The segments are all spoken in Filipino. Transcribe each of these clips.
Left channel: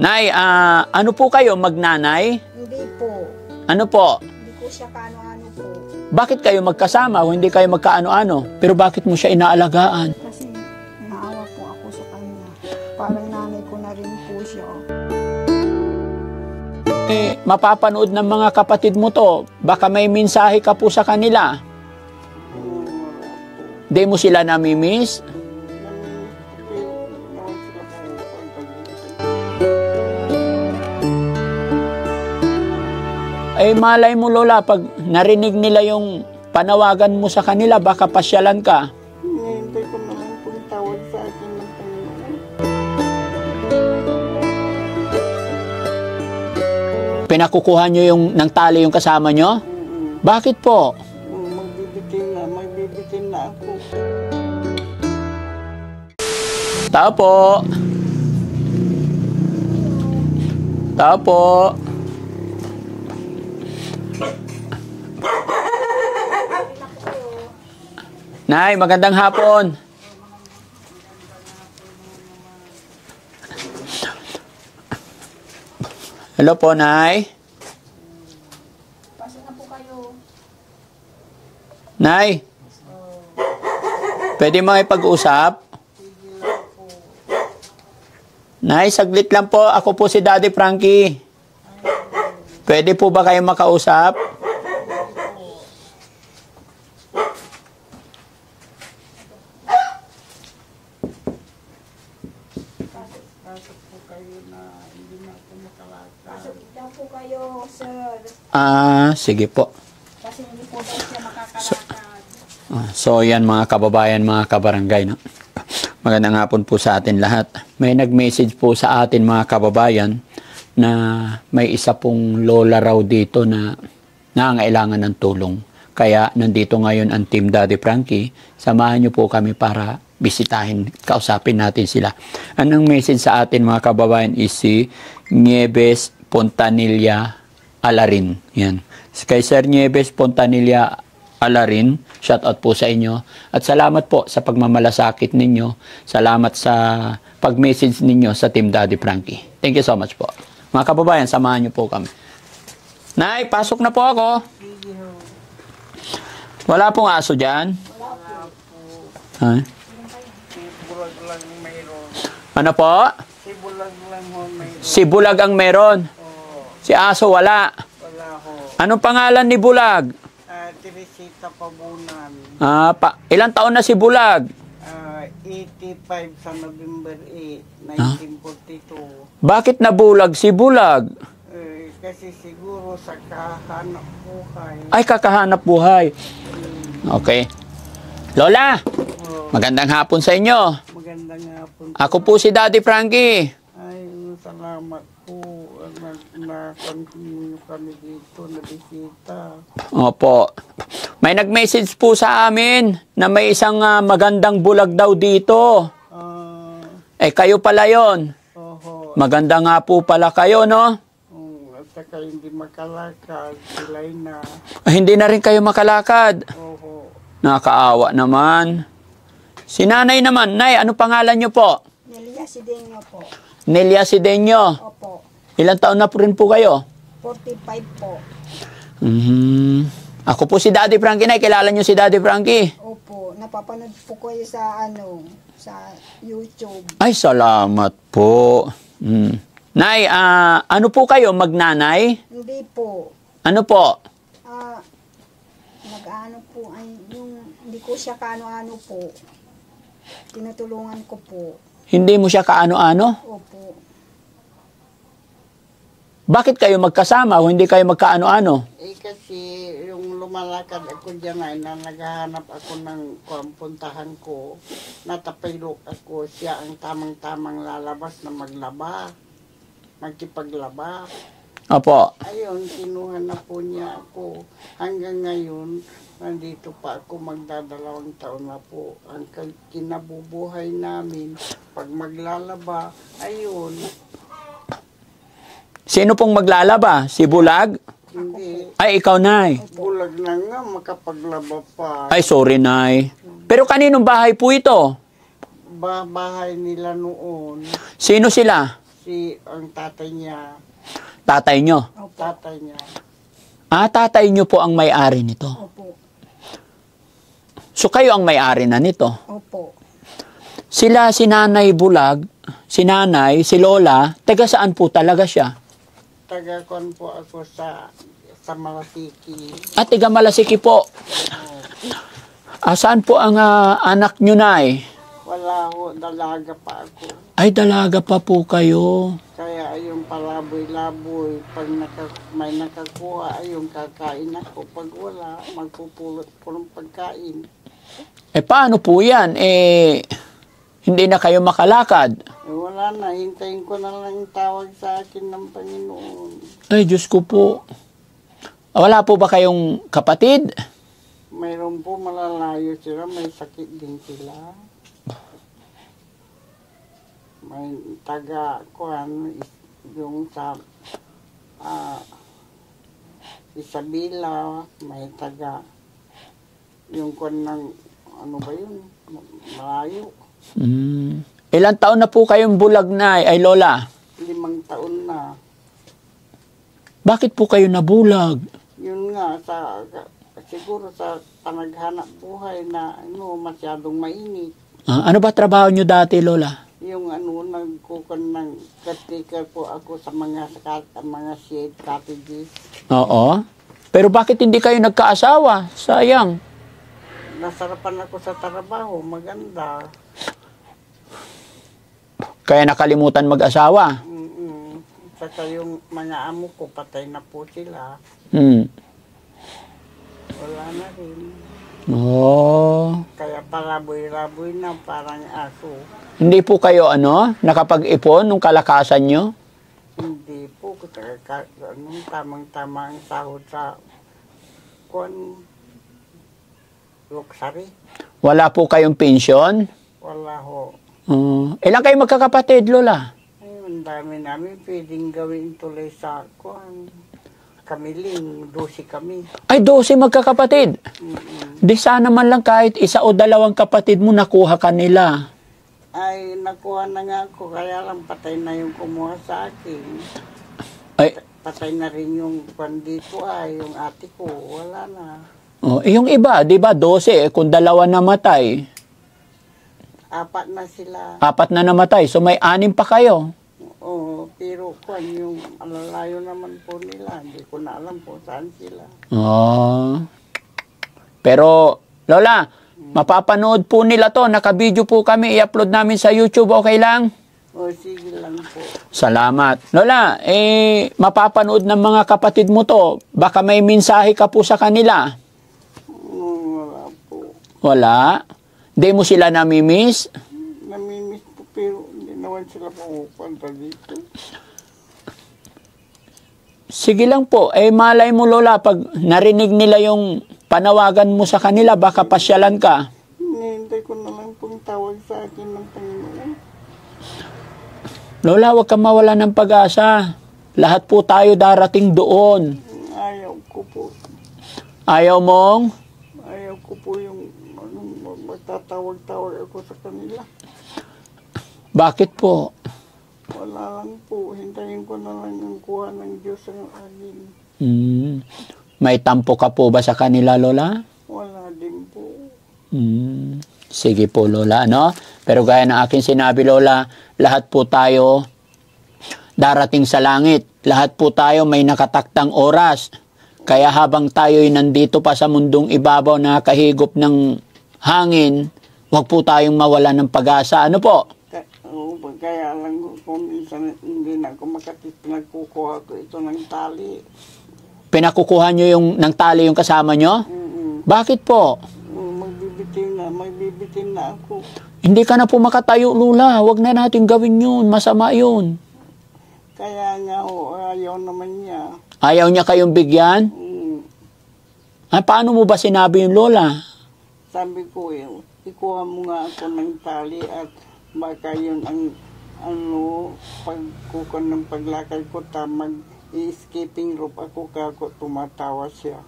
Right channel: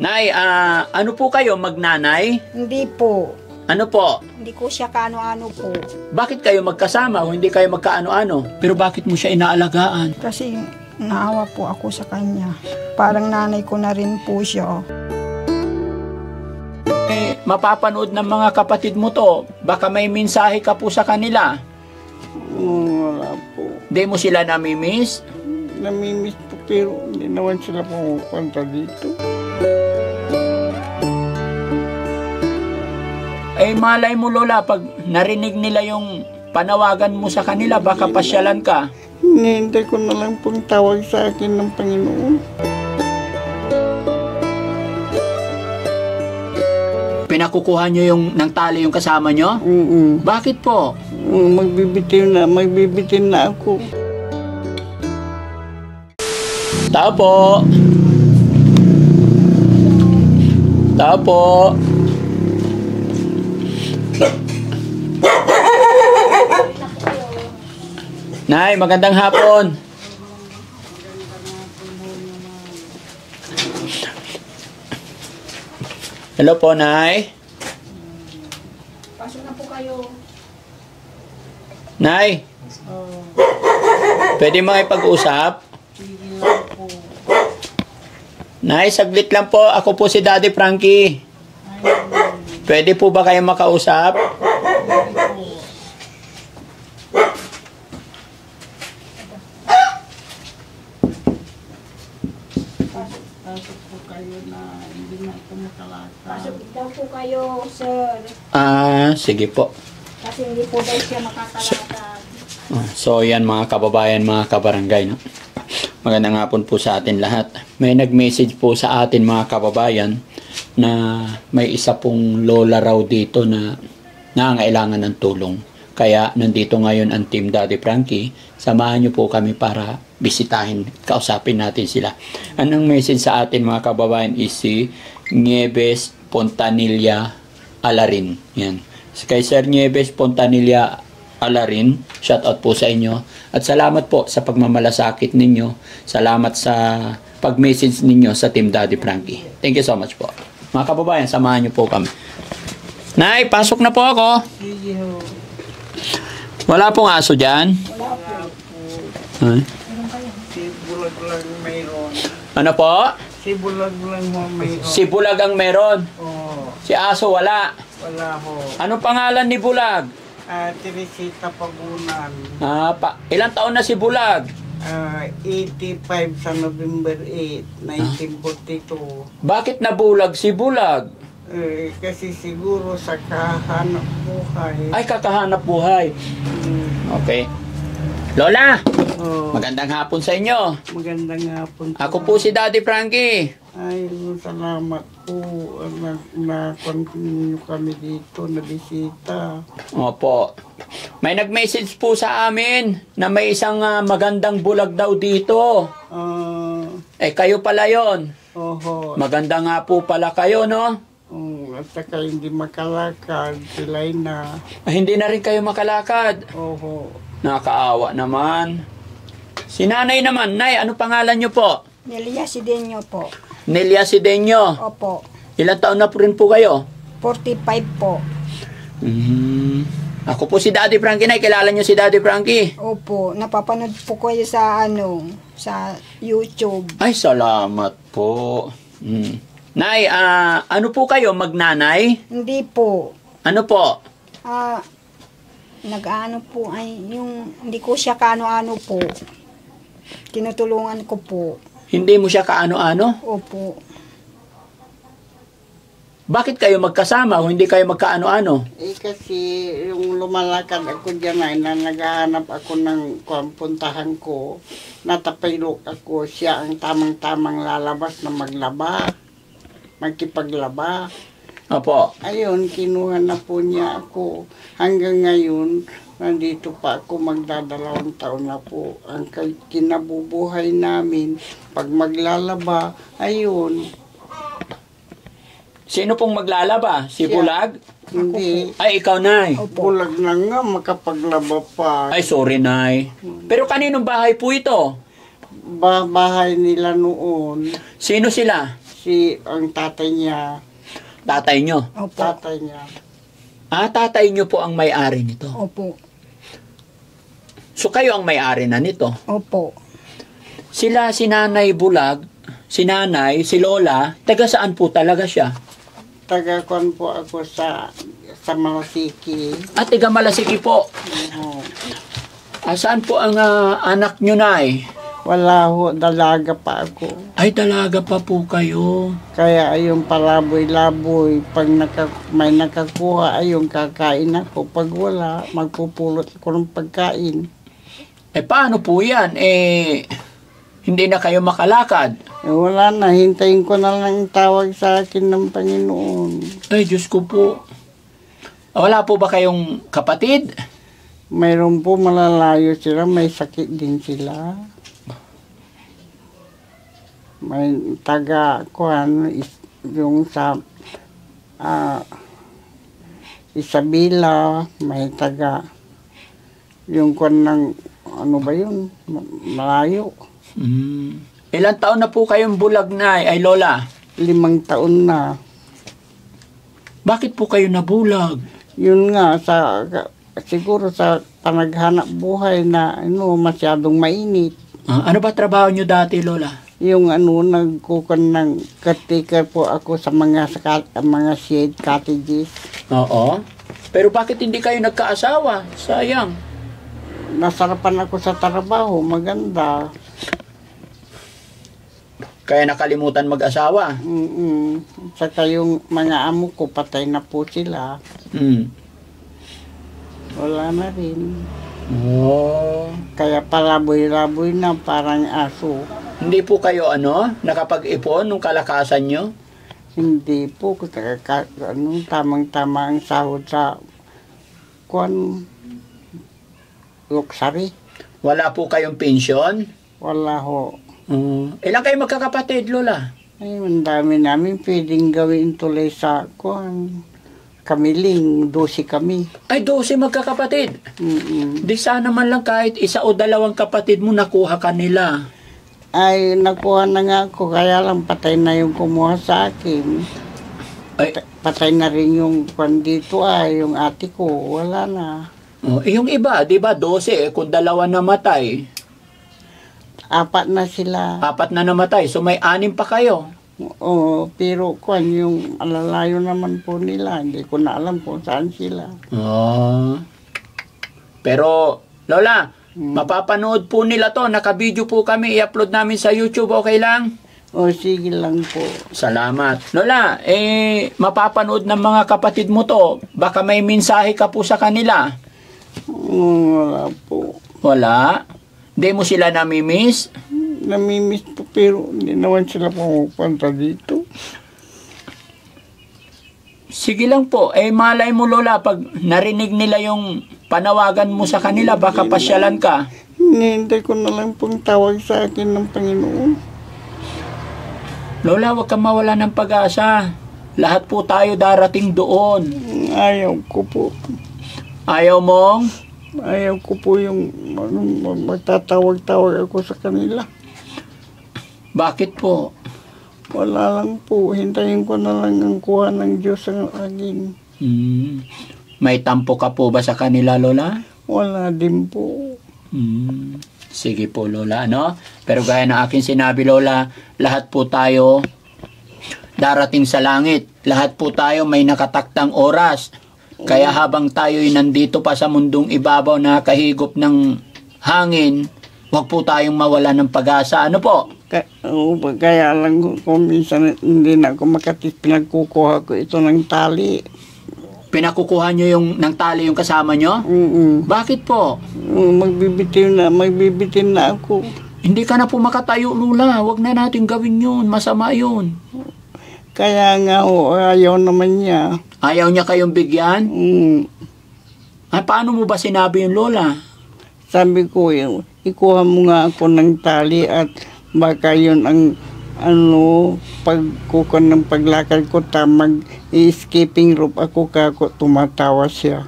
Nay, ano po kayo, magnanay? Hindi po. Ano po? Hindi ko siya kaano-ano po. Bakit kayo magkasama o hindi kayo magkaano-ano? Pero bakit mo siya inaalagaan? Kasi naawa po ako sa kanya. Parang nanay ko na rin po siya. Mapapanood ng mga kapatid mo to. Baka may mensahe ka po sa kanila. Wala po. Di mo sila namimiss? Namimiss po pero hindi naman sila pupunta dito. Eh malay mo Lola, pag narinig nila yung panawagan mo sa kanila, baka pasyalan ka. Hinihintay ko na lang pong tawag sa akin ng Panginoon. Pinakukuha nyo yung ng tali yung kasama nyo? Bakit po? Magbibitin na ako. Tao po. Tao po. Nay, magandang hapon. Hello po, Nay. Pasok na po kayo. Nay. Pwede makipag-usap? Nay, saglit lang po. Ako po si Daddy Frankie. Pwede po ba kayo makausap? Pasok daw po kayo, sir. Sige po. Kasi hindi po daw siya makakalakad. So yan mga kababayan, mga kabarangay, no? Magandang hapon po sa atin lahat. May nag-message po sa atin mga kababayan na may isa pong lola raw dito na nangangailangan ng tulong. Kaya nandito ngayon ang Team Daddy Frankie. Samahan niyo po kami para bisitahin, kausapin natin sila. Anong message sa atin mga kababayan is si Nieves Pontanilla Alarin. Yan. Kay Sir Nieves Pontanilla Alarin, shout out po sa inyo. At salamat po sa pagmamalasakit ninyo. Salamat sa pag-message ninyo sa Team Daddy Frankie. Thank you so much po. Mga kababayan, samahan niyo po kami. Nay, pasok na po ako. Wala pong aso dyan? Wala po. Ha? Si Bulag lang mayroon. Ano po? Si Bulag lang mayroon. Si Bulag ang meron. Oh, Si aso wala. wala ho. Anong pangalan ni Bulag? Teresita Pabunan. Ilang taon na si Bulag? 85 sa November 8, 1942. Bakit nabulag si Bulag? Kasi siguro sa kahanap buhay. Ay, kakahanap buhay. Okay. Lola, Oh, magandang hapon sa inyo. magandang hapon. Ako po si Daddy Frankie. Ay, salamat po. Na-continue kami dito na bisita. Opo. May nag-message po sa amin na may isang magandang bulag daw dito. Kayo pala yon. Oho. Maganda nga po pala kayo, no? At saka hindi makalakad, sila'y na. Hindi na rin kayo makalakad. Oho. Nakakaawa naman. Si nanay naman. Nay, ano pangalan niyo po? Nelia Sidenyo po. Nelia Sidenyo. Opo. Ilang taon na po rin po kayo? 45 po. Ako po si Daddy Frankie. Nay, kilala niyo si Daddy Frankie? Opo. Napapanood po kayo sa sa YouTube. Ay, salamat po. Nay, ano po kayo? Magnanay? Hindi po. Ano po? Nag-ano po ay yung hindi ko siya kaano-ano po. Tinutulungan ko po. Hindi mo siya kaano-ano? Opo. Bakit kayo magkasama o hindi kayo magkaano-ano? Kasi yung lumalakad ako dyan ay na naghahanap ako ng puntahan ko, natapilok ako, siya ang tamang-tamang lalabas na maglaba, magkipaglaba. Opo. Ayun, kinuha na po niya ako. Hanggang ngayon, nandito pa ako, magdadalawang taon na po. Ang kinabubuhay namin, pag maglalaba, ayun. Sino pong maglalaba? Si Bulag? Hindi. Ay, ikaw, Nay. Bulag na nga, makapaglaba pa. Ay, sorry, Nay. Pero kaninong bahay po ito? Bahay nila noon. Sino sila? ang tatay niya. Tatay nyo? Opo. Tatay niya. Tatay nyo po ang may-ari nito. Opo. So kayo ang may-ari na nito. Opo. Sila, si Nanay Bulag, si Nanay, si Lola, taga saan po talaga siya? Taga-kon po ako sa Malasiki. At taga Malasiki po. Saan po ang anak nyo, Nay? Wala ho, dalaga pa ako. Ay, dalaga pa po kayo. Kaya ayong palaboy-laboy, pag may nakakuha, ayong kakain ako. Pag wala, magpupulot ko ng pagkain. Paano po yan? Hindi na kayo makalakad. Wala na, hintayin ko na lang tawag sa akin ng Panginoon. Ay, Diyos ko po. Wala po ba kayong kapatid? Mayroon po malalayo sila, may sakit din sila. May yung sa Isabela, may yung kwan ng, ano ba yun, malayo. Ilang taon na po kayong bulag, Nay, ay Lola? 5 taon na. Bakit po kayo nabulag? Yun nga, siguro sa panaghanap buhay na masyadong mainit. Ano ba trabaho nyo dati, Lola? Yung nagkukan ng caretaker po ako sa mga shade cottages. Oo. Pero bakit hindi kayo nagkaasawa? Sayang. Nasarapan ako sa trabaho, maganda. Kaya nakalimutan mag-asawa? Saka yung mga amo ko, patay na po sila. Wala na rin. Kaya palaboy-laboy na, parang aso. Hindi po kayo nakapag-ipon nung kalakasan nyo? Hindi po. Tamang-tama ang sahod sa luxury. Wala po kayong pensyon? Wala ho. Ilan kayo magkakapatid, Lola? Ay, ang dami namin pwedeng gawin tuloy sa kamiling, 12 kami. Ay, 12 magkakapatid? Di sana man lang kahit 1 o 2 kapatid mo nakuha kanila. Ay, nakuha na nga ako, kaya lang patay na yung kumuha sa akin. Ay. Patay na rin yung dito yung ate ko, wala na. Yung iba, di ba, 12, kung 2 namatay. 4 na sila. 4 na namatay, so may 6 pa kayo. Oo, pero yung alalayo naman po nila, hindi ko na alam kung saan sila. Pero, Lola, mapapanood po nila to, naka-video po kami, i-upload namin sa YouTube, okay lang? Sige lang po. Salamat. Lola, mapapanood ng mga kapatid mo to, baka may mensahe ka po sa kanila. Wala po. Wala? Di mo sila namimiss? Namimiss po, pero hindi naman sila pumupunta dito. Sige lang po. Malay mo, Lola, pag narinig nila yung panawagan mo sa kanila, baka pasyalan ka. Hinihintay ko na lang pong tawag sa akin ng Panginoon. Lola, huwag kang mawala ng pag-asa. Lahat po tayo darating doon. Ayaw ko po. Ayaw mong? Ayaw ko po yung magtatawag-tawag ako sa kanila. Bakit po? Wala lang po. Hintayin ko na lang ang kuha ng Diyos ang akin. May tampo ka po ba sa kanila, Lola? Wala din po. Sige po, Lola, Pero gaya ng aking sinabi, Lola, lahat po tayo darating sa langit. Lahat po tayo may nakataktang oras. Kaya habang tayo'y nandito pa sa mundong ibabaw na kahigop ng hangin, huwag po tayong mawala ng pag-asa. Ano po? Kaya lang kung minsan hindi na ako pinagkukuha ko ito ng tali. Pinakukuha nyo ng tali yung kasama nyo? Bakit po? Magbibitin na ako. Hindi ka na po makatayo, Lola. Huwag na natin gawin yun. Masama yun. Kaya nga, ayaw naman niya. Ayaw niya kayong bigyan? Paano mo ba sinabi yung Lola? Sabi ko, ikuha mo nga ako ng tali at baka yun ang pagkukan ng paglakad ko, mag-skipping rope ako, kako tumatawa siya.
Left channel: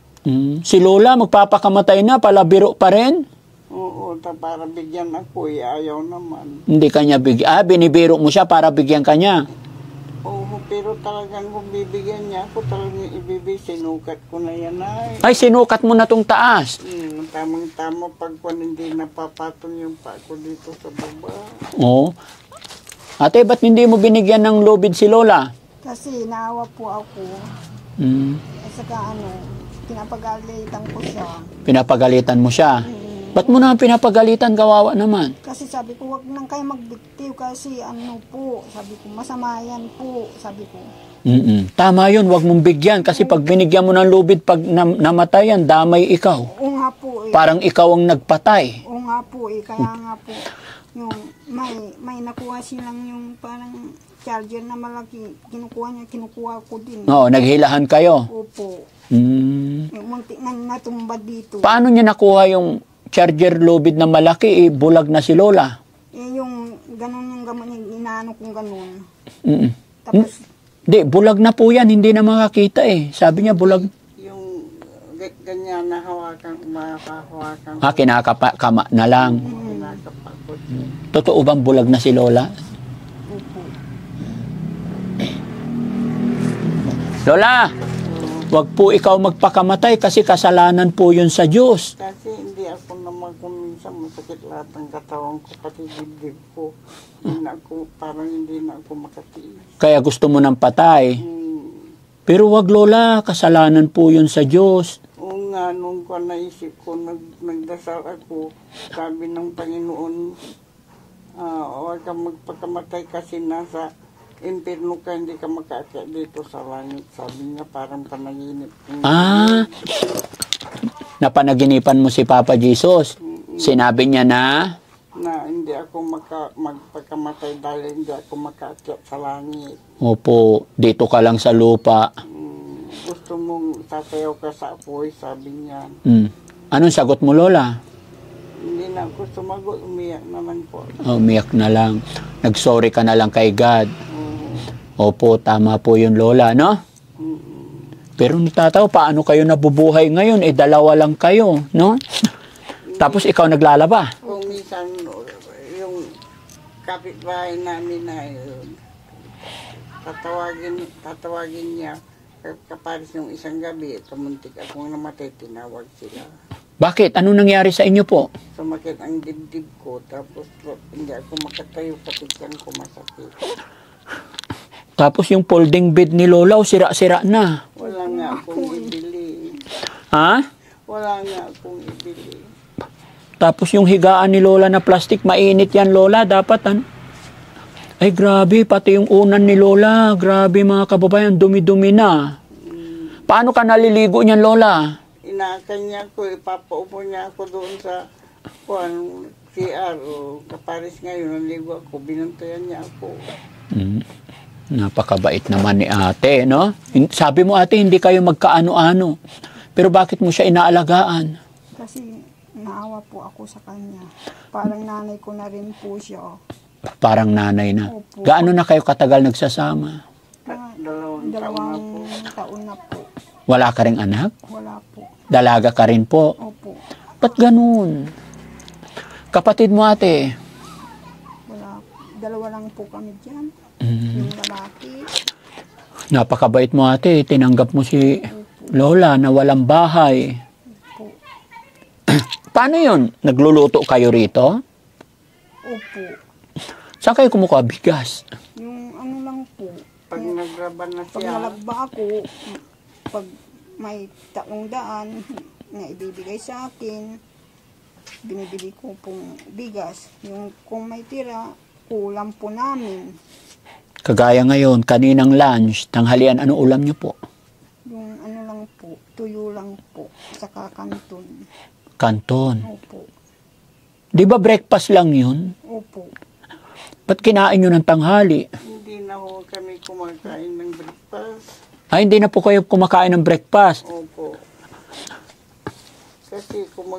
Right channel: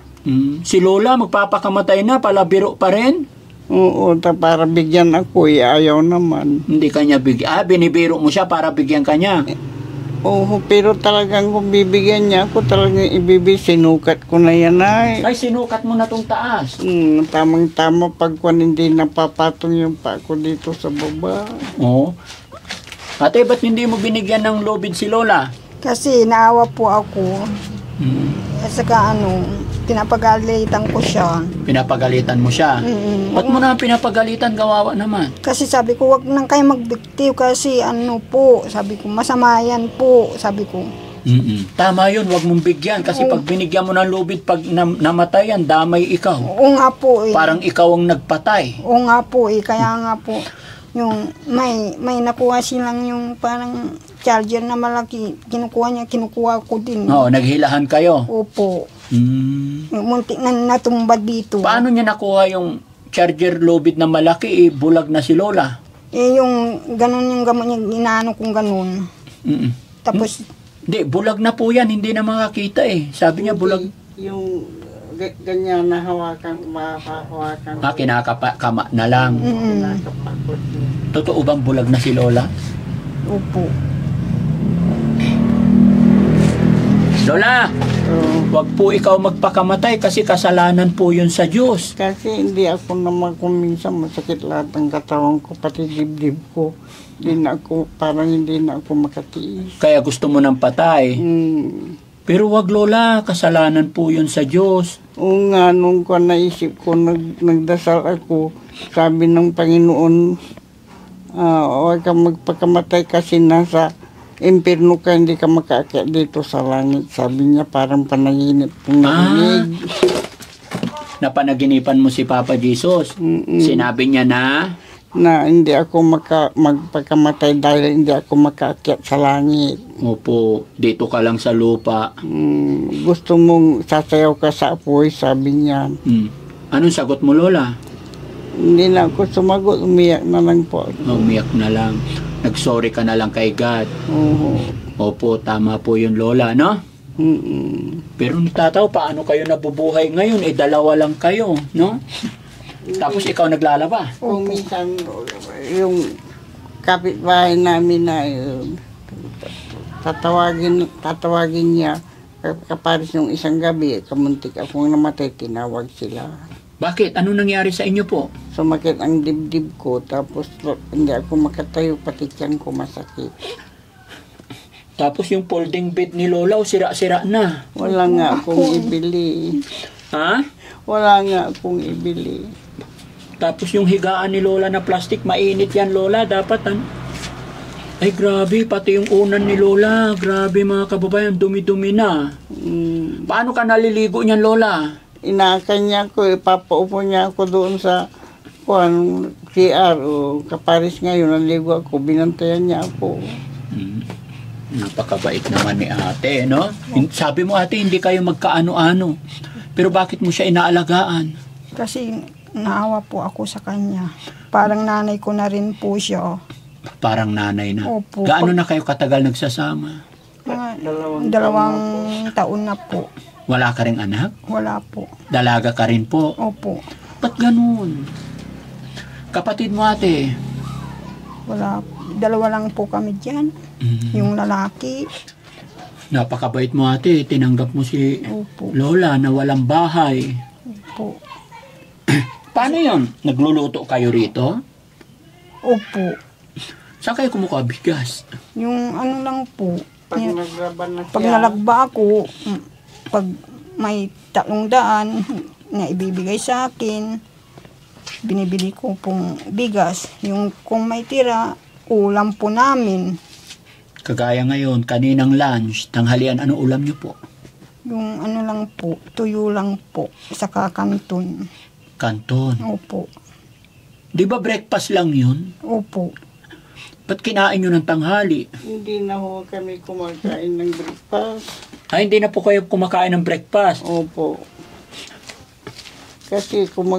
Si Lola, magpapakamatay na, palabiro pa rin? Oo, para bigyan ako, ayaw naman. Hindi kanya bigyan. Binibiro mo siya para bigyan kanya? Oo, pero talagang kung bibigyan niya ako, talagang sinukat ko na yan ay. Ay, sinukat mo na tong taas. Tamang-tama pag kung hindi napapatong yung pa ko dito sa baba. Oo. Ate, ba't hindi mo binigyan ng lubid si Lola? Kasi naawa po ako. At saka pinapagalitan ko siya. Pinapagalitan mo siya? Ba't mo na pinapagalitan? Kawawa naman. Kasi sabi ko, wag nang kayo magbiktiw kasi sabi ko, masama yan po, sabi ko. Tama yun, wag mong bigyan. Kasi pag binigyan mo ng lubid, pag namatay yan, damay ikaw. Oo nga po eh. Parang ikaw ang nagpatay. Oo nga po eh, kaya nga po. Yung may nakuha silang yung parang charger na malaki, kinukuha ko din. Oo, naghilahan kayo. Opo. Yung muntik na natumba dito. Paano niya nakuha yung charger lubid na malaki? Bulag na si Lola. Yung ganun yung gamot niya, inaano kong ganun. Tapos, Di, bulag na po yan, hindi na makakita eh. Sabi niya bulag. Yung ganyan na hawakan, mahahawakan. Kinakama na lang. Kinakapakot niya. Totoo bang bulag na si Lola? opo. Lola, wag po ikaw magpakamatay kasi kasalanan po yun sa Diyos. Kasi hindi ako naman kung minsan masakit lahat ng katawan ko, pati dibdib ko. Parang hindi na ako makatiis. Kaya gusto mo ng patay. Pero wag Lola, kasalanan po yun sa Diyos. Oo nga, nung ko naisip ko, nagdasal ako, sabi ng Panginoon, huwag ka magpakamatay kasi nasa impirno ka, hindi ka makaakyat dito sa langit. Sabi niya, parang panaginip. Napanaginipan mo si Papa Jesus. Sinabi niya na hindi ako magpakamatay dahil hindi ako makaakyat sa langit. opo, dito ka lang sa lupa. Gusto mong sasayaw ka sa apoy, sabi niya. Anong sagot mo, Lola? Hindi na ako sumagot, umiyak na lang po. Umiyak na lang. Nag-sorry ka na lang kay God. Opo, tama po yun, Lola, no? Pero natataw, paano kayo nabubuhay ngayon? Dalawa lang kayo, no? Tapos ikaw naglalaba. Kung minsan, yung kapitbahay namin na tatawagin niya, kaparis yung isang gabi, kamuntik akong namatay, tinawag sila. Bakit? Anong nangyari sa inyo po? Sumakit ang dibdib ko, tapos hindi ako makatayo, pati tiyan ko masakit. Tapos yung folding bed ni Lola, sira-sira na. Wala nga akong ibili. Ha? Wala nga akong ibili. Tapos yung higaan ni Lola na plastic, mainit yan, Lola. Dapat, ay grabe, pati yung unan ni Lola. Grabe mga kababayan, dumi-dumi na. Paano ka naliligo niyan, Lola? Inakan niya ako, ipapaupo niya ako doon sa CR o kaparis ngayon, naligo ako, binantayan niya ako. Napakabait naman ni ate, no? Sabi mo ate, hindi kayo magkaano-ano. Pero bakit mo siya inaalagaan? Kasi naawa po ako sa kanya. Parang nanay ko na rin po siya. Parang nanay na. Opo. Gaano na kayo katagal nagsasama? Dalawang taon na po. Wala ka ring anak? Wala po. Dalaga ka rin po? Opo. Ba't ganun? Kapatid mo ate? Wala. Dalawa lang po kami dyan. Yung lalaki. Napakabait mo ate. Tinanggap mo si Opo. Lola na walang bahay. Opo. Paano yun? Nagluluto kayo rito? Opo. Saan kayo kumukuha bigas? Yung lang po. Pag naglaban na Pag siya, nalagba ako, pag may 300 na ibibigay sa akin, binibili ko pong bigas. Yung kung may tira, ulam po namin. Kagaya ngayon, kaninang lunch, tanghalian, ano ulam niyo po? Yung lang po, tuyo lang po, saka kanton. Kanton. Opo. Di ba breakfast lang yun? Opo. Ba't kinain nyo ng tanghali? hindi na ho kami kumakain ng breakfast. Ay, hindi na po kayo kumakain ng breakfast. Opo. Kasi kung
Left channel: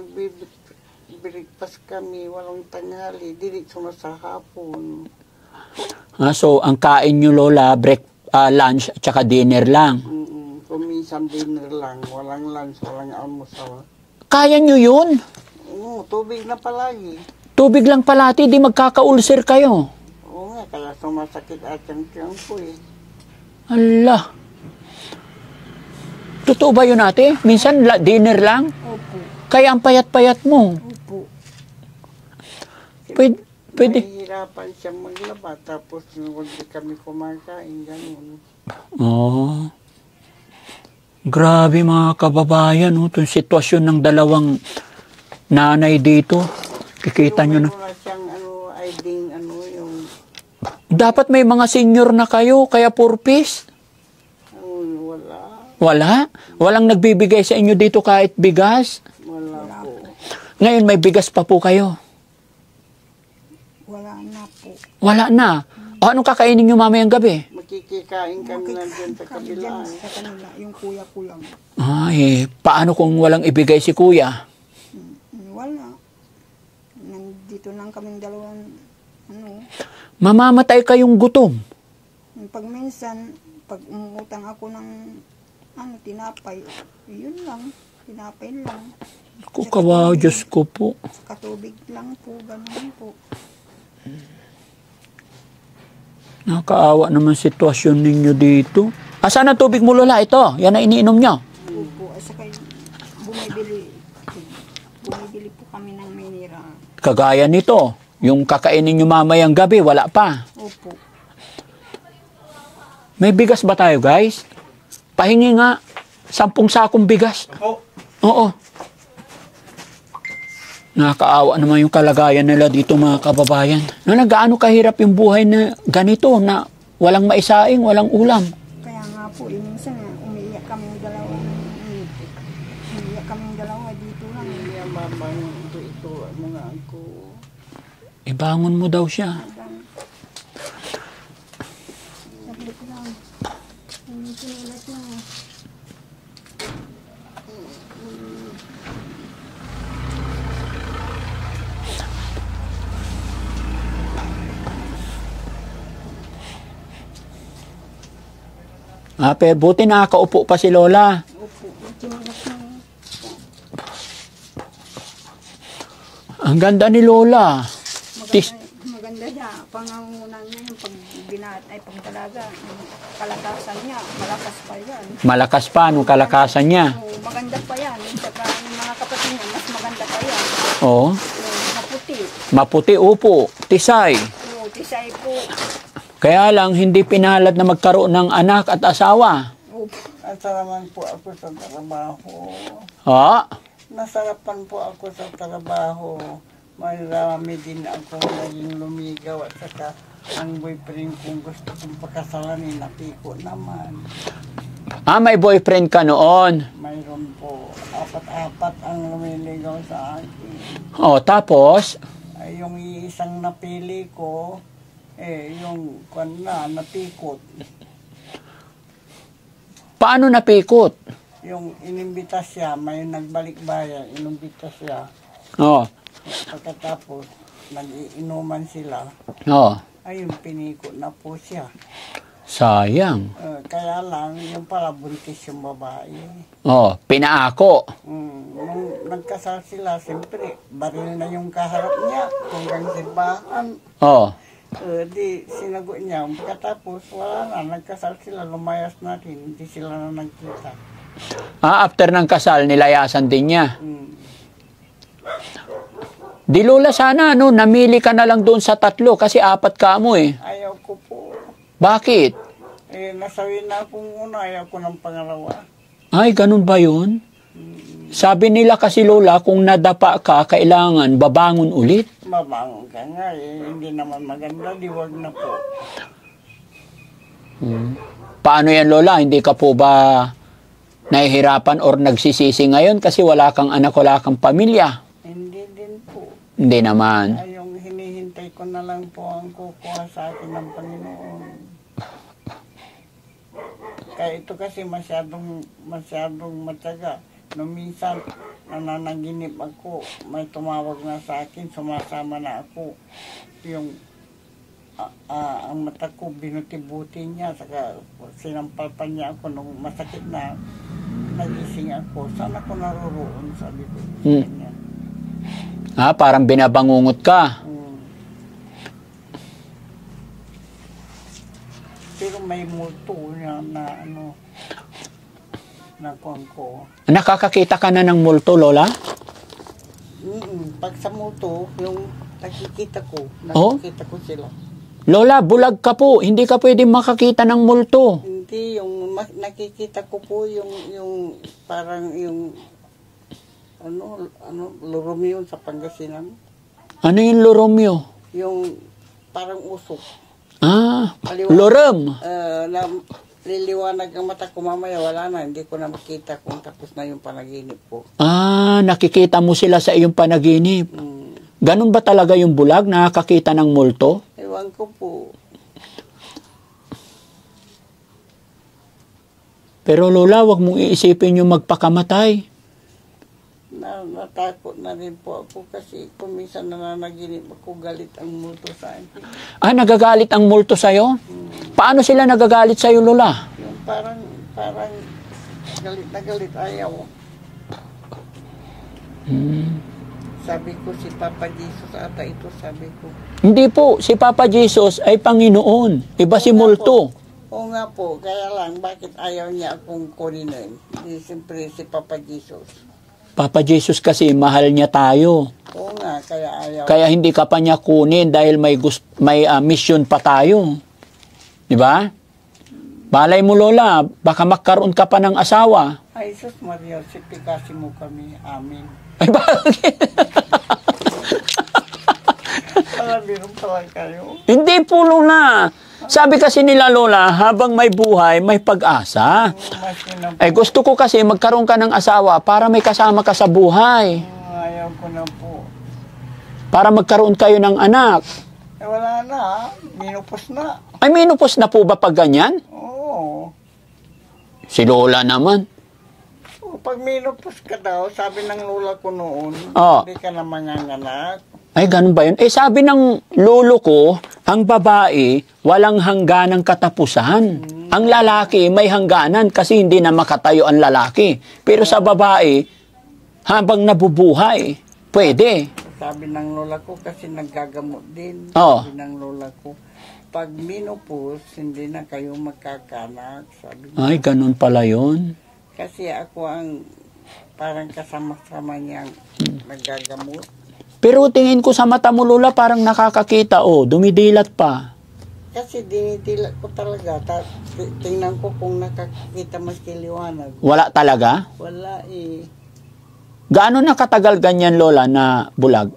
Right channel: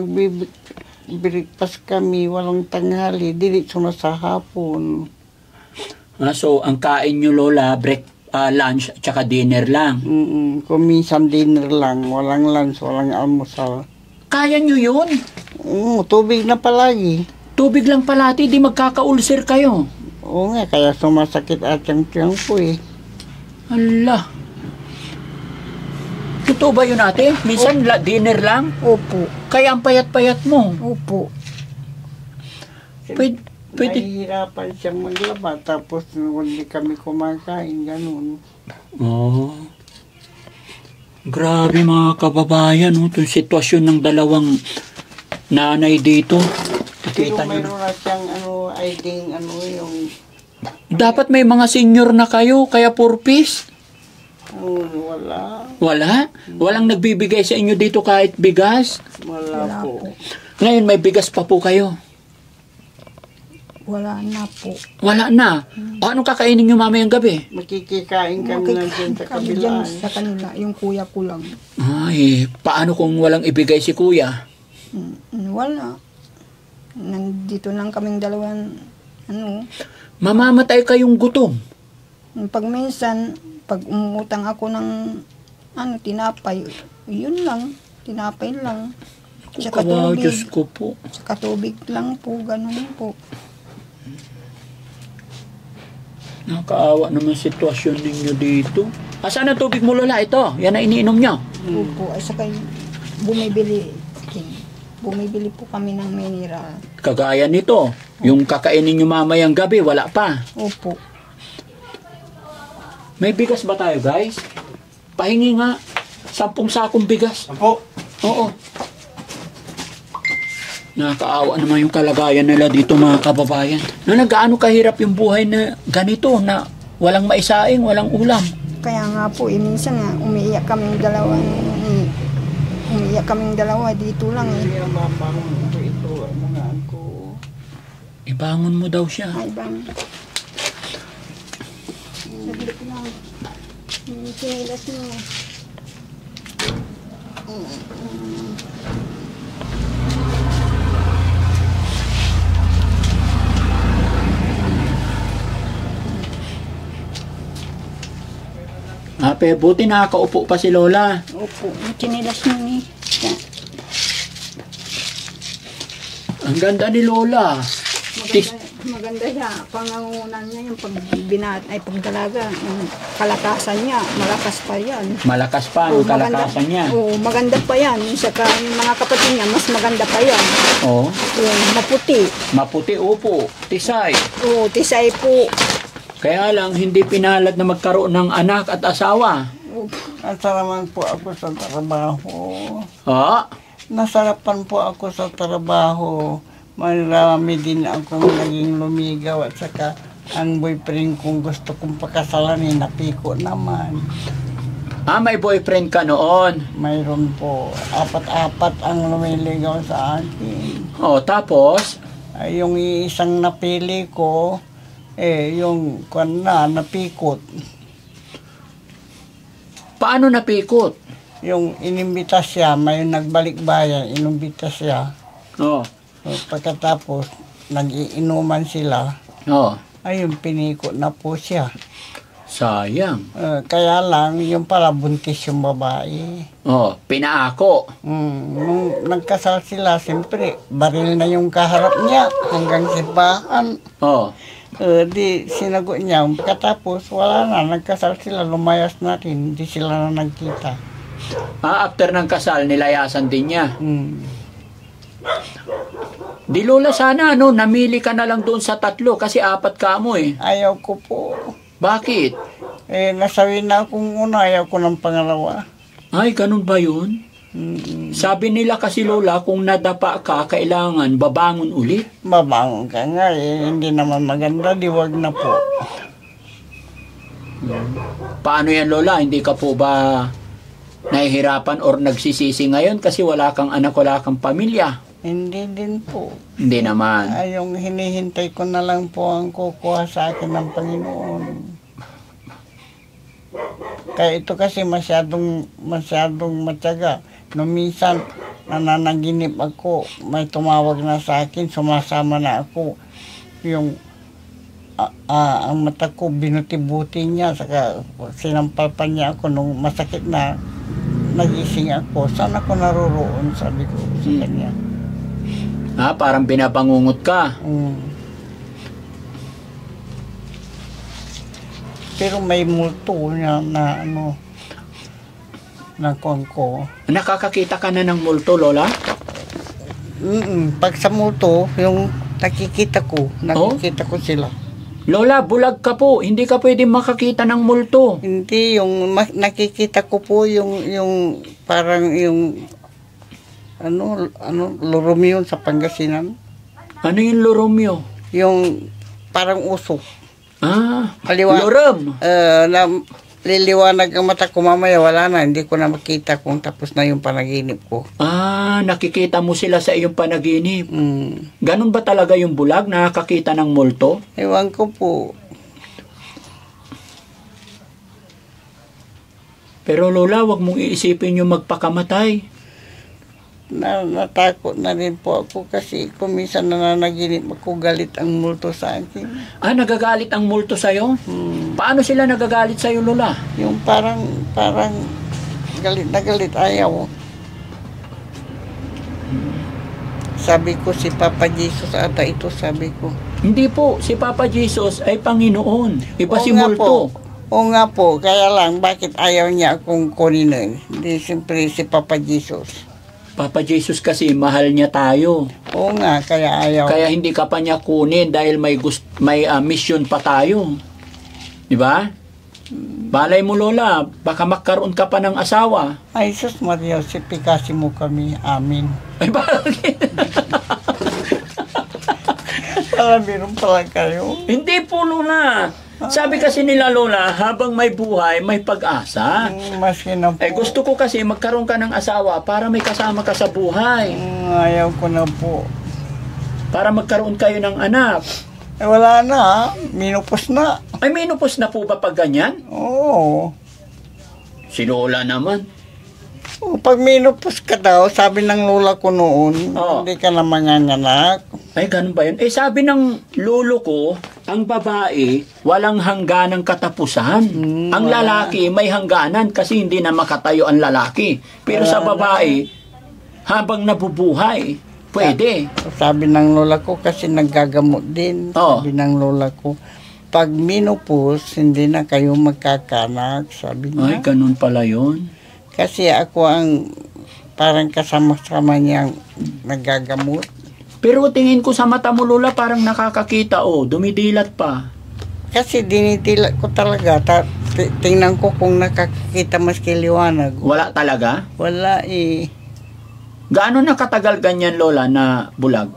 breakfast kami, walang tanghali, diretso na sa hapon. So, ang kain nyo, Lola, lunch at saka dinner lang. Kung minsan dinner lang, walang lunch, walang almusal. Kaya nyo yun? Tubig na palagi. Tubig lang palati, di magkaka-ulcer kayo. Oo nga, kaya sumasakit at yung tiyan ko eh. Ala. Totoo ba yun ate? Minsan dinner lang? Opo. Kaya ang payat-payat mo. Opo. Pwede. Nahihirapan siya maglaba, tapos hindi kami kumakain, ganun. Oh. Grabe mga kababayan, no? Itong sitwasyon ng dalawang nanay dito. Nakita nyo na. Mayroon na siyang yung Dapat may mga senior na kayo, kaya purpose. wala. Wala? Walang nagbibigay sa inyo dito kahit bigas? Wala po. Ngayon may bigas pa po kayo. Wala na po. Wala na. O anong kakainin nyo mamayang gabi? Makikikain kami na din sa Kami dyan kabilaan. sa kanila, yung kuya ko lang. Ay, paano kung walang ibigay si kuya? Wala. Nandito lang kaming dalawan, Mamamatay kayong gutom. pag minsan, pag umutang ako ng, tinapay, yun lang, tinapay lang. Kung Tsaka kawawa, tubig. Diyos ko po. Saka tubig lang po, ganun po. Nakakaawa naman sitwasyon ninyo dito. Asan ang tubig mo, Lola? Ito, yan ang iniinom nyo. Opo, ay saka bumibili po kami ng mineral. Kagaya nito, yung kakainin nyo mamayang gabi, wala pa. Opo. May bigas ba tayo, guys? Pahingi nga, 10 sakong bigas. Opo. Oo. Nakakaawa naman yung kalagayan nila dito mga kababayan. Gaano kahirap yung buhay na ganito na walang maisaing, walang ulam. Kaya nga po, minsan nga, umiiyak kaming dalawa dito lang eh. Kaya mabangon ko ito, na ako. Ibangon mo daw siya. Ay bang, saglit lang. Sinilas mo. Pero buti nakakaupo pa si Lola. Opo, sinilas mo ni. Ang ganda ni Lola. Maganda siya. Pangangunan niya yung pagdalaga. Yung kalakasan niya, malakas pa yan. Malakas pa ang kalakasan niya. Oo, maganda pa yan. Saka yung mga kapatid niya, mas maganda pa yan. Oo. Maputi. Maputi, upo. Tisay. Oo, tisay po. Kaya lang, hindi pinalad na magkaroon ng anak at asawa. Opo. Nasaraman po ako sa trabaho. Ha? Nasarapan po ako sa trabaho. Marami din akong naging lumigaw at saka ang boyfriend kong gusto kong pakasalanin, napiko naman. May boyfriend ka noon. Mayroon po. Apat-apat ang lumiligaw sa akin. Tapos? Ay, yung isang napili ko, yung napikot. Paano napikot? Yung inimbita siya, may nagbalik bayan, inimbita siya. Oo. Pagkatapos, nag-iinuman sila. Oo. Ayun, pinikot na po siya. Sayang. Kaya lang, yung pala buntis yung babae. Pinaako. Nung nagkasal sila, siyempre, baril na yung kaharap niya hanggang simbahan. Di sinagot niya. Pagkatapos, wala na. Nagkasal sila, lumayas na rin. Hindi sila na nagkita. After ng kasal, nilayasan din niya. Di Lola, sana namili ka na lang doon sa 3 kasi 4 ka mo eh. Ayaw ko po. Bakit? Nasabi na akong una, ayaw ko ng pangalawa. Ay, ganun ba yun? Sabi nila kasi Lola, kung nadapa ka, kailangan babangon ulit. Babangon ka nga hindi naman maganda, di wag na po. Paano yan Lola? Hindi ka po ba nahihirapan or nagsisisi ngayon kasi wala kang anak, wala kang pamilya? Hindi din po. Hindi naman. Yung hinihintay ko na lang po ang kukuha sa akin ng Panginoon. Kaya ito kasi masyadong matyaga. Nung minsan, nananaginip ako, may tumawag na sa akin, sumasama na ako. Yung ang mata ko, binuti-buti niya, saka sinampal pa niya ako nung masakit na nagising ako. Saan ako naroroon, sabi ko sa kanya. Parang binabangungot ka. Pero may multo niya na ano, na kuwan ko. Nakakakita ka na ng multo, Lola? Pag sa multo, yung nakikita ko ko sila. Lola, bulag ka po. Hindi ka pwedeng makakita ng multo. Hindi, yung nakikita ko po yung parang yung ano, loromyo sa Pangasinan. Ano yung loromyo? Yung parang usok. Lorom. Na liliwanag ang mata ko, mamaya wala na, hindi ko na makita kung tapos na yung panaginip ko. Nakikita mo sila sa iyong panaginip. Ganun ba talaga yung bulag? Nakakakita ng multo? Ewan ko po. Pero Lola, wag mong iisipin yung magpakamatay. Natakot na rin po ako kasi kung minsan nananaginip ako, galit ang multo sa akin. Nagagalit ang multo sa'yo? Paano sila nagagalit sa'yo, Lola? Yung parang galit na galit, ayaw. Sabi ko si Papa Jesus ata ito, sabi ko. Hindi po, si Papa Jesus ay Panginoon. Iba si multo. Oo nga po, kaya lang bakit ayaw niya akong kunin? Hindi, siyempre si Papa Jesus. Papa Jesus kasi mahal niya tayo. Oo nga, kaya ayaw. Kaya hindi ka pa niya kunin dahil may mission pa tayo. Di ba? Balay mo, Lola, baka magkaroon ka pa ng asawa. Ay, sus Maria, sipikasi mo kami. Amin. Ay, bakit? Meron pala kayo. Hindi po, Lola. Sabi kasi nila, Lola, habang may buhay, may pag-asa. Gusto ko kasi magkaroon ka ng asawa para may kasama ka sa buhay. Ayaw ko na po. Para magkaroon kayo ng anak. Wala na. Minupos na. Ay, minupos na po ba pag ganyan? Oo. Si Lola naman. Pag minupos ka daw, sabi ng lola ko noon, hindi ka na manganganak. Ay, ganun ba yun? Sabi ng lolo ko, ang babae, walang hangganang katapusan. Ang lalaki, may hangganan kasi hindi na makatayo ang lalaki. Pero sa babae, habang nabubuhay, pwede. Sabi ng lola ko kasi naggagamot din. Sabi ng lola ko, pag minupos, hindi na kayo magkakanak, sabi niya. Ay, ganun pala yun. Kasi ako ang parang kasama-sama niyang nagagamot. Pero tingin ko sa mata mo, Lola, parang nakakakita, dumidilat pa. Kasi dinidilat ko talaga. Tingnan ko kung nakakita maski liwanag. Wala talaga? Wala Gaano na katagal ganyan, Lola, na bulag?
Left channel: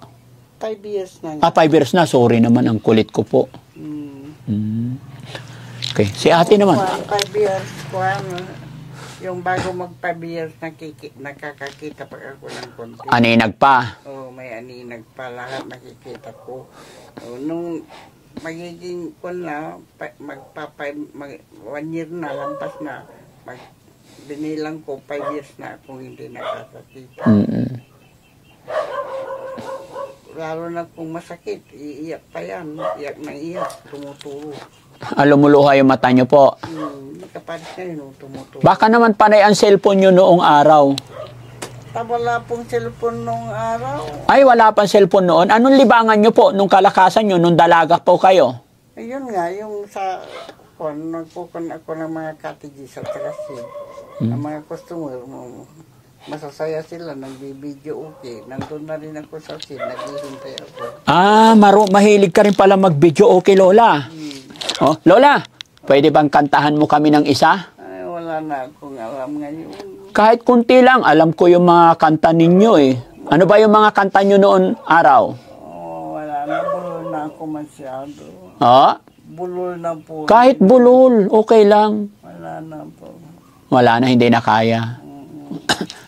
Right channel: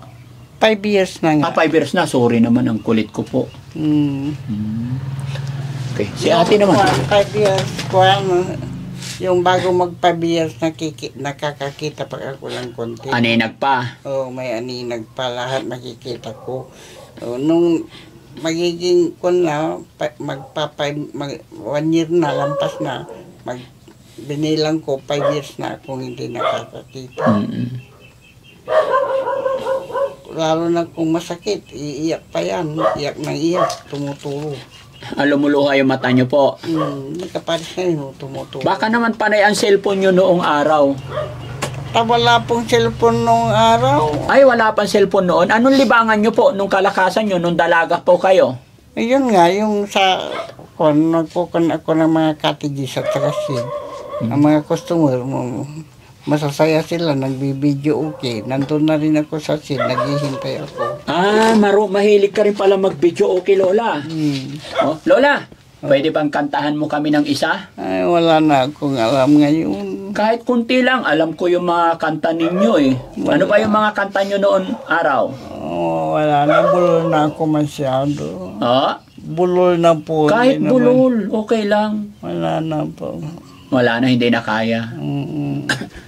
5 years na nga. 5 years na. Sorry naman, ang kulit ko po. Okay. Si ate naman. 5 years ko yung bago mag-5 years nakakakita pa ako ng konti. Aninag pa? May aninag pa. Lahat nakikita ko. Nung magiging ko na, 1 year na, lampas na, binilang ko, 5 years na akong hindi nakakakita. Lalo na kung masakit, iiyak pa yan. Iyak na iyak, tumuturo. Lumuluha yung mata nyo po. Hindi ka pares na yun, tumuturo. Baka naman panay ang cellphone nyo noong araw. Wala pong cellphone noong araw. Ay, wala pang cellphone noon. Anong libangan nyo po nung kalakasan nyo, nung dalaga po kayo? Ayun nga, yung sa... nagkukon ako ng mga cottages at trasin. Ang mga customer mo, masasaya sila, nagbibideo okay. Nandun na rin ako sa scene, naghihintay ako. Mahilig ka rin pala mag-video okay, Lola. Lola, pwede bang kantahan mo kami ng isa? Ay, wala na akong alam ngayon. Kahit kunti lang, alam ko yung mga kanta ninyo Ano ba yung mga kanta nyo noon araw? Wala na, bulol na ako masyado. Bulol na po. Kahit bulol, okay lang. Wala na po. Wala na, hindi na kaya.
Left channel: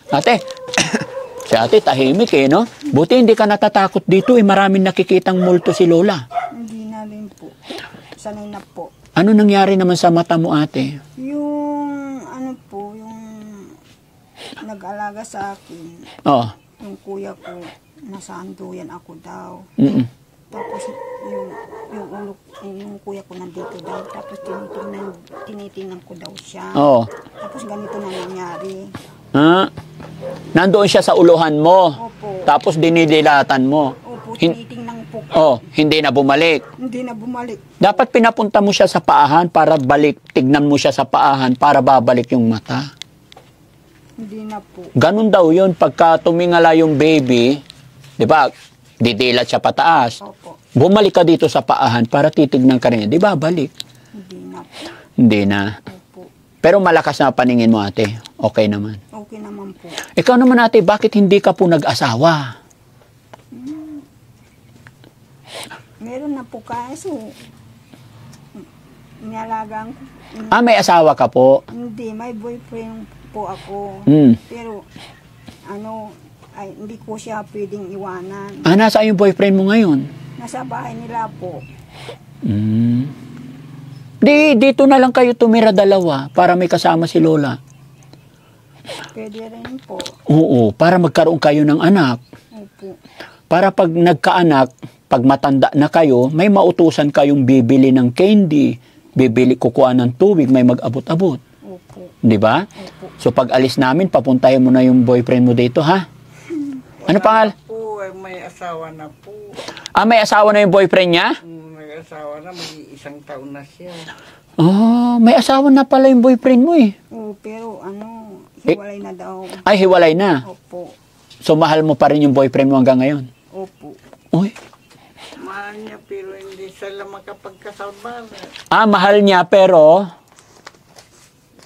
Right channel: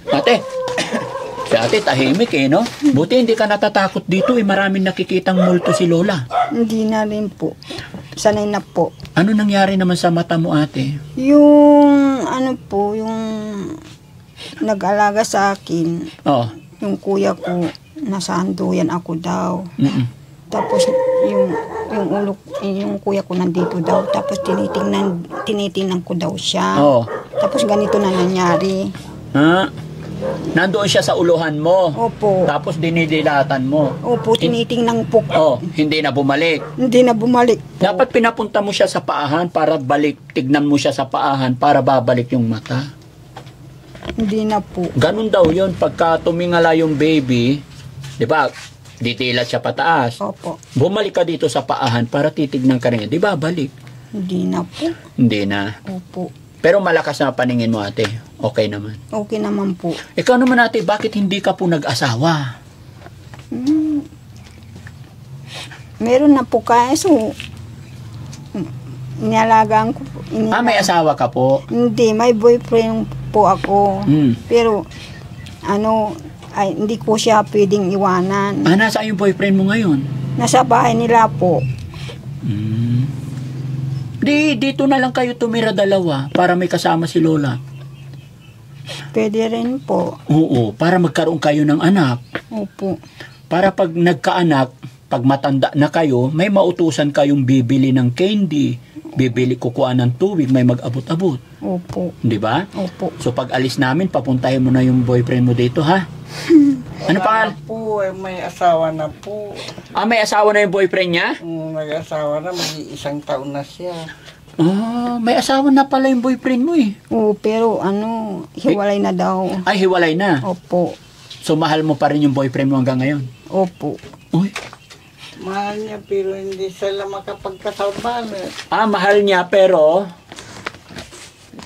Ate, si ate tahimik no? Buti hindi ka natatakot dito maraming nakikitang multo si Lola. Hindi na rin po. Sanay na po. Ano nangyari naman sa mata mo, ate? Yung yung nag-alaga sa akin, yung kuya ko, nasa anduyan ako daw. Tapos yung kuya ko nandito daw. Tapos tinitingnan ko daw siya. Tapos ganito na nangyari. Nandoon siya sa uluhan mo. Opo. Tapos dinidilatan mo. Opo, tinitingnan po. Hindi na bumalik. Hindi na bumalik. Dapat pinapunta mo siya sa paahan para balik. Tignan mo siya sa paahan para babalik yung mata. Hindi na po. Ganun daw yun. Pagka tumingala yung baby, di ba, didilat siya pataas. Opo. Bumalik ka dito sa paahan para titignan ka rin. Di ba, balik? Hindi na po. Hindi na. Opo. Pero malakas na paningin mo, ate. Okay naman. Okay naman po. Ikaw naman, ate, bakit hindi ka po nag-asawa? Meron na po kaso. Nialagaan ko po. May asawa ka po? Hindi, may boyfriend po ako. Pero, hindi ko siya pwedeng iwanan. Nasa yung boyfriend mo ngayon? Nasa bahay nila po. Dito na lang kayo tumira dalawa para may kasama si Lola. Pwede rin po. Oo, para magkaroon kayo ng anak. Opo. Para pag nagkaanak, pag matanda na kayo, may mautusan kayong bibili ng candy, kukuha ng tubig, may mag-abot-abot. Opo. Di ba? Opo. So pag alis namin, papuntahin mo na yung boyfriend mo dito, ha? Ano pa? Po, may asawa na po. May asawa na yung boyfriend niya? May asawa na, mag-1 taon na siya. May asawa na pala yung boyfriend mo eh. Oo, pero hiwalay na daw. Ay, hiwalay na? Opo. So mahal mo pa rin yung boyfriend mo hanggang ngayon? Opo. Uy. Mahal niya pero hindi sila makapagkasal ba? Mahal niya pero...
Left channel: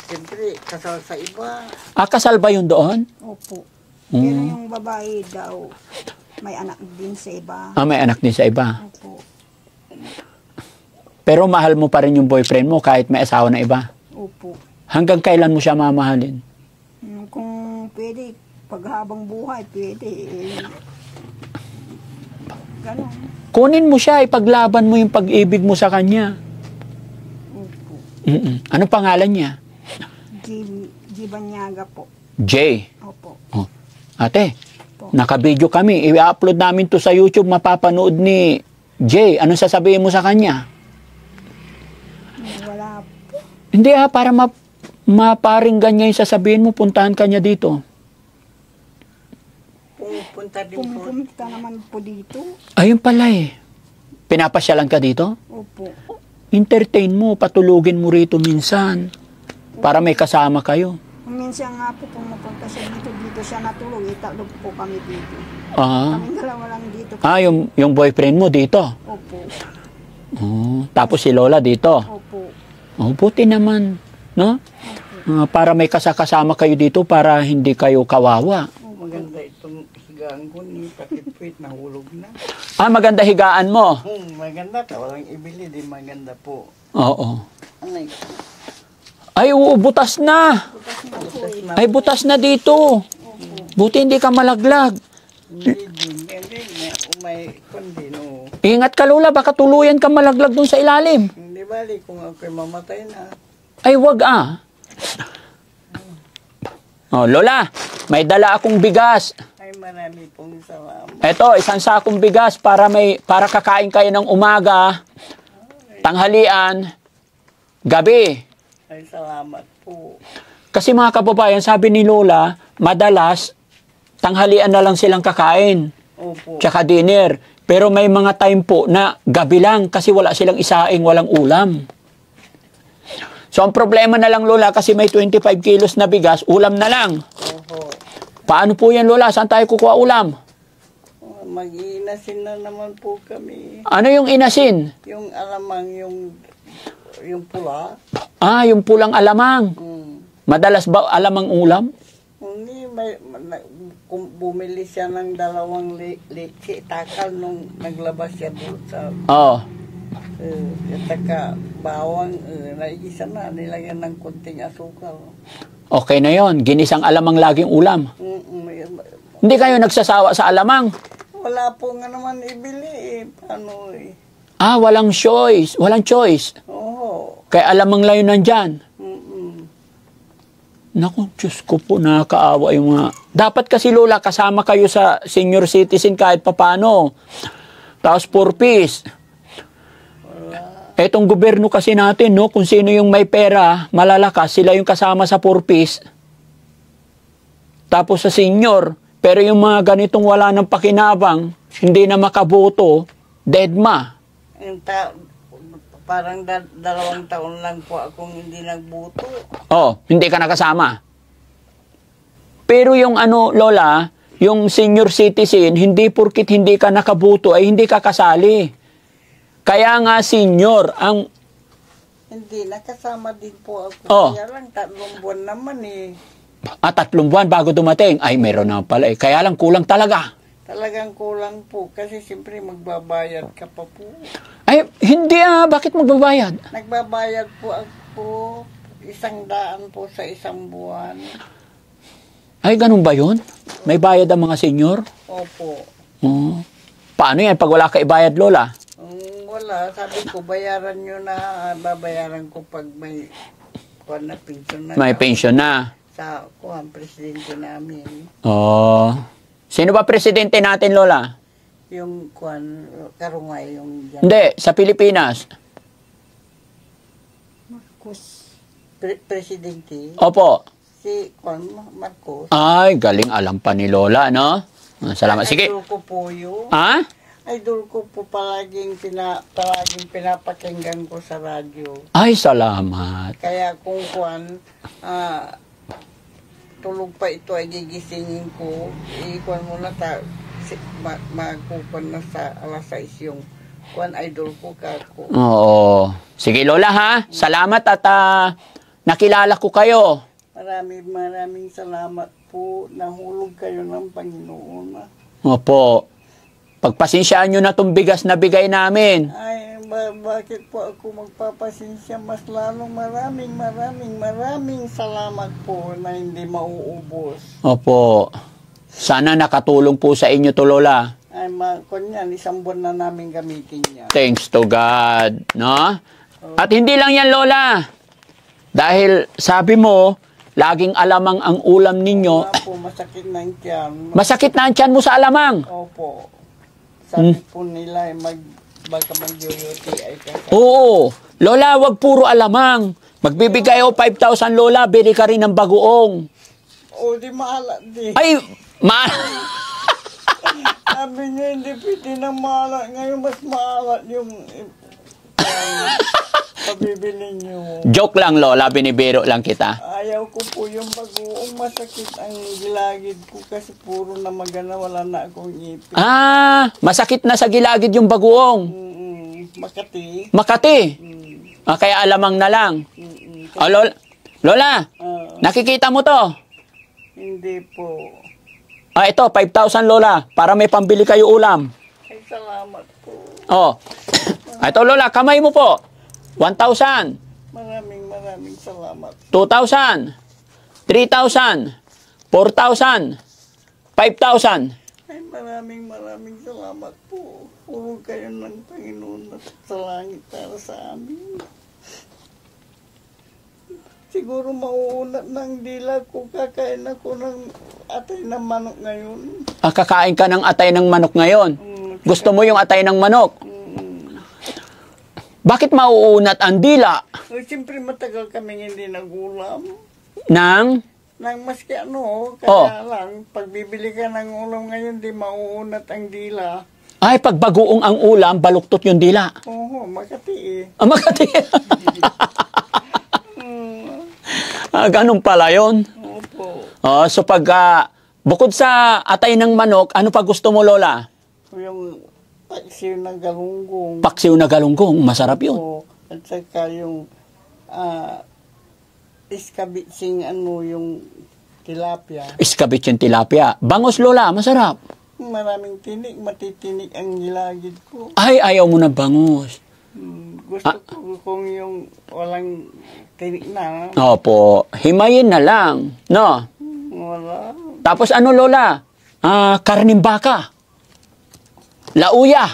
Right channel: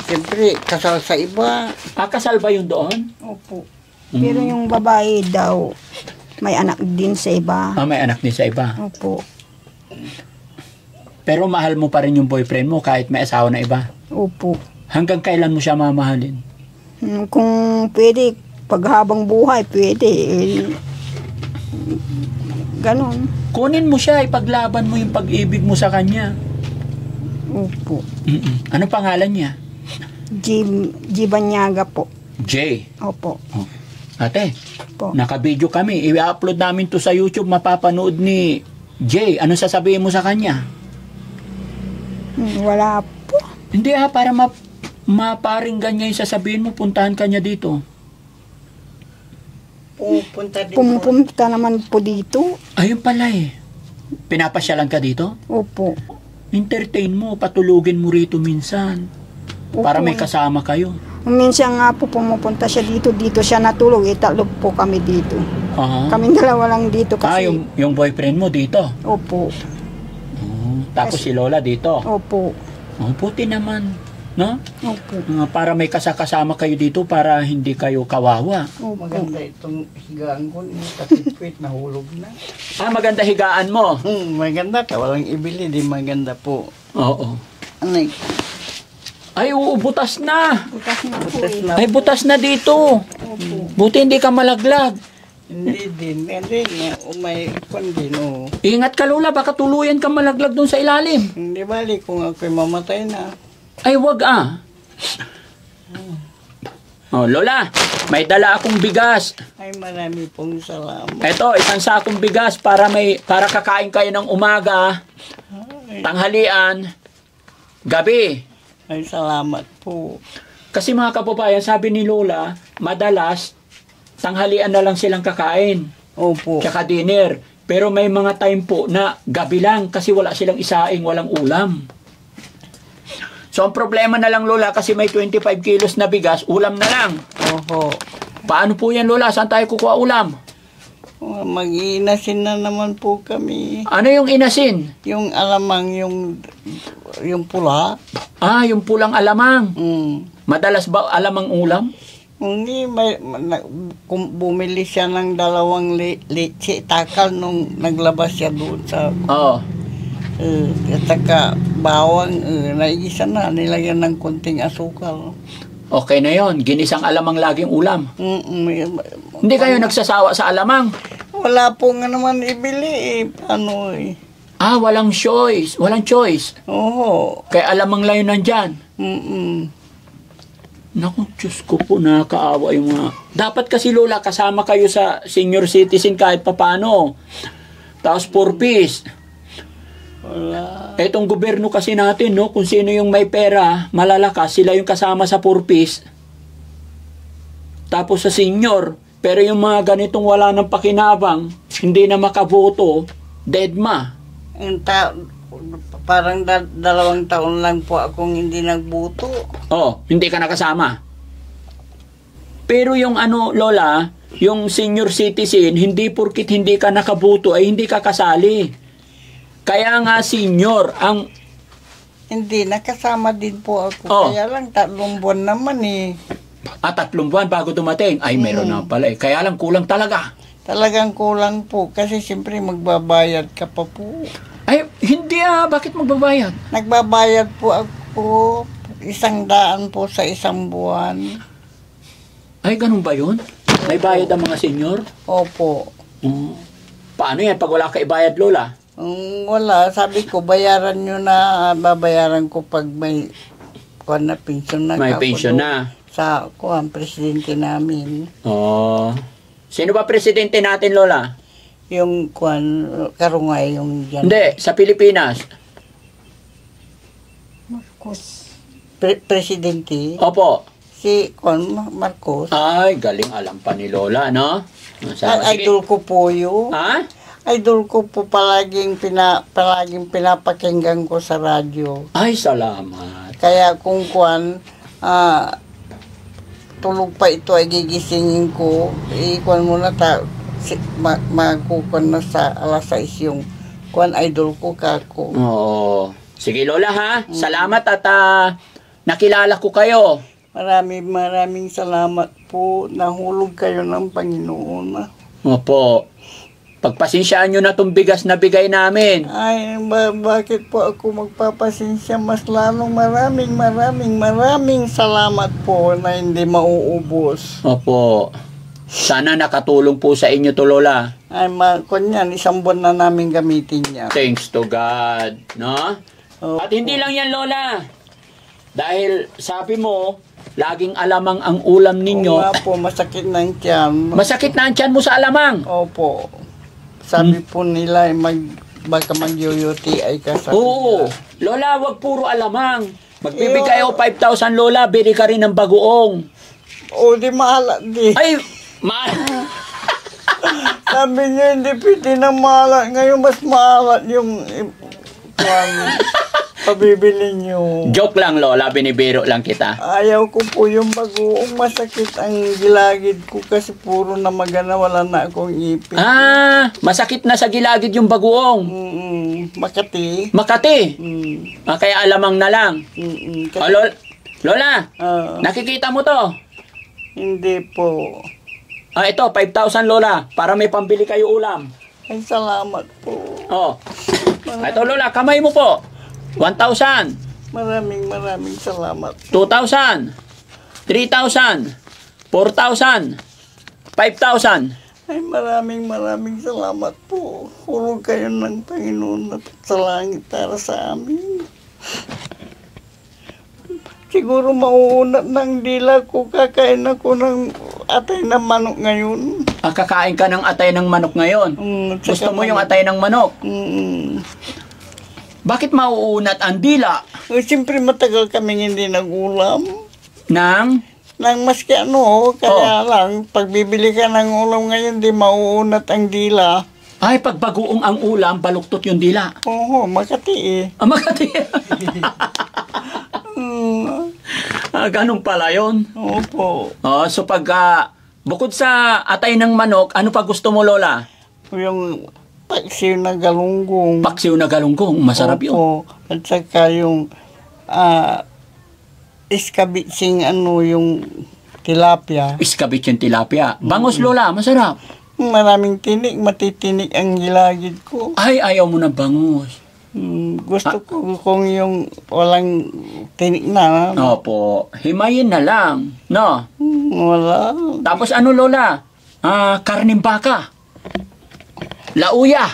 Siyempre, kasal sa iba. Kasal ba yun doon? Opo. Pero yung babae daw, may anak din sa iba. May anak din sa iba? Opo. Pero mahal mo pa rin yung boyfriend mo kahit may asawa na iba? Opo. Hanggang kailan mo siya mamahalin? Kung pwede, paghabang buhay, pwede. Ganon. Kunin mo siya, ipaglaban mo yung pag-ibig mo sa kanya. Opo. Ano pangalan niya? G. Banyaga po. J. Opo. Ate, Po. naka-video kami. I-upload namin to sa YouTube, mapapanood ni J. Anong sasabihin mo sa kanya? Wala po. Hindi para maparinggan niya yung sasabihin mo, puntahan ka niya dito. Pumupunta naman po dito. Ayun pala eh. Pinapasyalan ka dito? Opo. Entertain mo, patulugin mo rito minsan. Para may kasama kayo. Minsan nga po pumupunta siya dito siya natulog. Tatlo po kami dito. Kaming dalawa lang dito kasi. Yung boyfriend mo dito? Opo. Tapos si Lola dito? Opo. Puti naman. No? Opo. Para may kasama kayo dito para hindi kayo kawawa. Opo. Maganda itong higaan ko. Katipwit, nahulog na. Maganda higaan mo? Maganda. Walang ibili. Di maganda po. Oo. Anay. Ay, butas na. Butas na po. Ay, butas na dito. Buti hindi ka malaglag. Hindi din. Umay kon din. Ingat ka, Lola. Baka tuluyan ka malaglag dun sa ilalim. Hindi bali kung ako'y mamatay na. Ay, wag Lola, may dala akong bigas. Ay, marami pong salamat. Ito, isang sakong bigas para kakain kayo ng umaga, tanghalian, gabi. Ay, salamat po. Kasi mga kababayan, sabi ni Lola, madalas, tanghalian na lang silang kakain. Opo. Tsaka dinner. Pero may mga time po na gabi lang kasi wala silang isaing, walang ulam. So, ang problema na lang, Lola, kasi may 25 kilos na bigas, ulam na lang. Oho. Paano po yan, Lola? Saan tayo kukuha ulam? Mag-iinasin na naman po kami. Ano yung inasin? Yung alamang, yung pula. Yung pulang alamang. Madalas ba alamang ulam? Hindi, kung bumili siya ng 2 leche, takal nung naglabas siya doon sa... at saka bawang, naigisa na, nilagyan ng konting asukal. Okay na yon, ginisang alamang laging ulam. Hindi kayo nagsasawa sa alamang? Wala po nga naman ibili eh. Walang choice. Walang choice. Oo. Kaya alamang lang yun nandyan. Naku, Diyos ko po, nakakaawa yung mga... Dapat kasi, Lola, kasama kayo sa senior citizen kahit papano. Tapos 4 piece. Wala. Etong gobyerno kasi natin, no, kung sino yung may pera, malalakas, sila yung kasama sa 4 piece. tapos sa senior. Pero yung mga ganitong wala ng pakinabang, hindi na makaboto, deadma. Parang 2 taon lang po akong hindi nagbuto. Oh, hindi ka nakasama. Pero yung Lola, yung senior citizen, hindi porkit hindi ka nakaboto ay hindi ka kasali. Kaya nga senior, Hindi, nakasama din po ako. Oh. Kaya lang 3 buwan naman eh. 3 buwan bago dumating. Ay, meron na pala. Kaya lang kulang talaga. Talagang kulang po. Kasi siyempre magbabayad ka pa po. Ay, hindi Bakit magbabayad? Nagbabayad po ako 100 po sa 1 buwan. Ay, ganun ba yun? May bayad ang mga senior? Opo. Oh. Paano yan pag wala ka ibayad, Lola? Wala. Sabi ko, bayaran nyo na. Babayaran ko pag may pension na. May pension na. Sa presidente namin. Oh. Sino ba presidente natin, Lola? Yung Karungay, yung dyan. Hindi, sa Pilipinas. Marcos. Presidente. Opo. Si Marcos. Ay, galing alam pa ni Lola, no? Salamat. Sige. Idol ko po yun. Ha? Idol ko po palaging pinapakinggan ko sa radyo. Ay, salamat. Kaya kung tulog pa ito ay gigisingin ko, muna magkukuan na sa 6:00 yung idol ko kako. Oo. Sige, Lola, ha? Salamat at nakilala ko kayo. Maraming salamat po. Nahulog kayo ng Panginoon. Opo. Pagpasensyaan nyo na itong bigas na bigay namin. Ay, bakit po ako magpapasensya? Mas lalong maraming salamat po na hindi mauubos. Opo. Sana nakatulong po sa inyo to, Lola. Ay, kunyan, 1 buwan na namin gamitin yan. Thanks to God, no? Opo. At hindi lang yan, Lola. Dahil sabi mo, laging alamang ang ulam ninyo. Oo nga po, masakit na ang tiyan. Masakit na ang tiyan mo sa alamang. Opo. Sabi po nila, baka mag-UTI ka sa... Oo. Lola, wag puro alamang. Magbibigay ako 5,000, Lola. Bili ka rin ng bagoong. O, di mahala, di. Ay, Sabi niya, hindi pwede na mahala. Ngayon, mas mahala yung pabibili niyo. Joke lang, Lola. Binibiro lang kita. Ayaw ko po yung bagoong. Masakit ang gilagid ko kasi puro na magana, wala na akong ipin. Masakit na sa gilagid yung bagoong. Makati. Makati. Kaya alamang na lang. Lola, nakikita mo to? Hindi po. Ito, 5,000, Lola. Para may pambili kayo ulam. Ay, salamat po. Ito, Lola, kamay mo po. 1,000. Maraming salamat. 2,000. 3,000. 4,000. 5,000. Ay, maraming salamat po. Hulog kayo ng Panginoon at sa langit para sa amin. Siguro mauunat ng dila ko. Kakain ako ng atay ng manok ngayon. Kakain ka ng atay ng manok ngayon? Gusto mo yung atay ng manok? Bakit mauunat ang dila? Siyempre matagal kaming hindi nag-ulam. Nang maski kaya lang, pag bibili ka ng ulam ngayon, di mauunat ang dila. Ay, pag bagoong ang ulam, baluktot yung dila. Oo, Makati eh. Makati. Ganun pala yun. Opo. So pag, bukod sa atay ng manok, ano pa gusto mo, Lola? Yung paksiw na galunggong. Paksiw na galunggong, masarap yun. Opo. At saka yung iskabitsing yung tilapia. Iskabit yung tilapia. Bangos, Lola, masarap. Maraming tinik, matitinik ang gilagid ko. Ay, ayaw mo na bangos. Gusto ko kung yung walang tinik na. Opo, himayin na lang, no? Wala. Tapos ano, Lola? Karning baka. Lauya.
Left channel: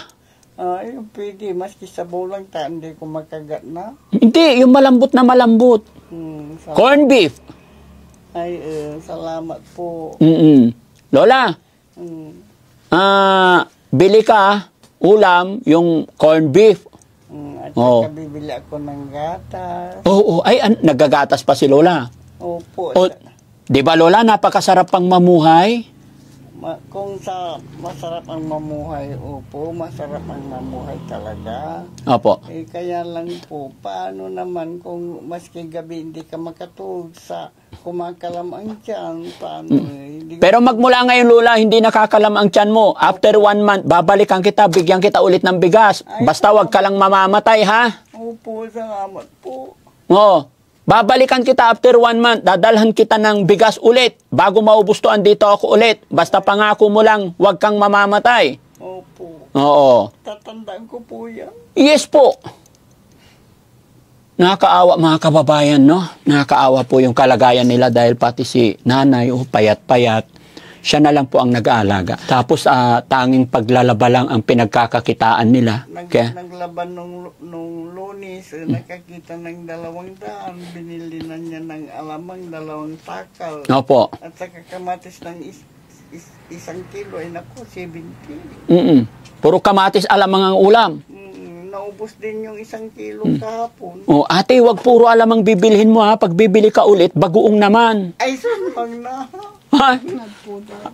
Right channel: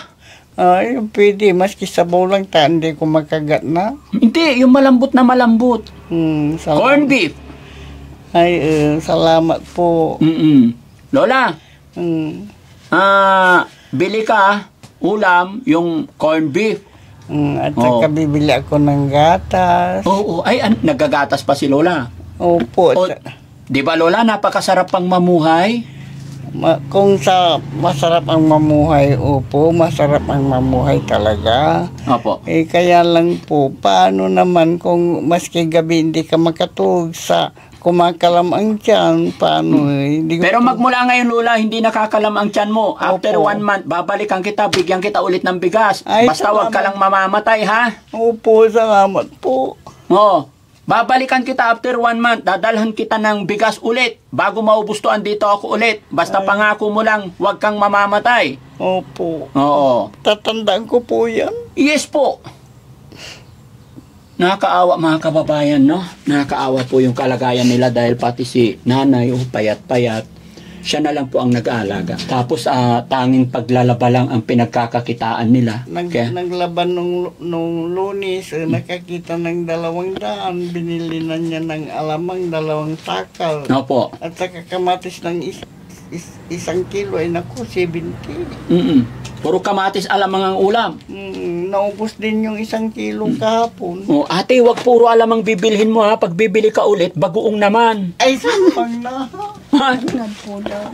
Ay, pwede. Maski sabaw lang hindi ko makagat na. Hindi, yung malambot na malambot. Corn beef. Ay, salamat po. Lola, bili ka ulam, yung corn beef. At saka bibili ako ng gatas. Oo, ay, nagagatas pa si Lola. Opo. Di ba, Lola, napakasarap pang mamuhay? Kung sa masarap ang mamuhay, opo, masarap ang mamuhay talaga. Opo. Kaya lang po, paano naman kung maski gabi hindi ka makatulog sa kumakalam ang tiyan, paano hindi ko- Pero magmula ngayon, Lola, hindi nakakalam ang tiyan mo. After Opo. 1 month, babalikan kita, bigyan kita ulit ng bigas. Ay, Basta wag ka salamat. lang mamamatay, ha? Opo, salamat po. Oo. Babalikan kita after 1 month, dadalhan kita ng bigas ulit. Bago maubos to, andito ako ulit. Basta pangako mo lang, wag kang mamamatay. Opo. Oo. Tatandaan ko po yan. Yes po. Nakakaawa mga kababayan, no? Nakakaawa po yung kalagayan nila dahil pati si nanay, payat-payat. Siya na lang po ang nag-aalaga. Tapos tanging paglalaba lang ang pinagkakakitaan nila. Kaya, Naglaban nung Lunes, nakakita ng 200, binili na niya ng alamang 2 takal. opo. At saka kamatis ng 1 kilo ay naku, 70. Puro kamatis alamang ang ulam. Naubos din yung 1 kilo kahapon. Oh, ate, wag puro alamang bibilhin mo, ha. Pag bibili ka ulit, bagoong naman. Ay, sampang na. Inad po daw.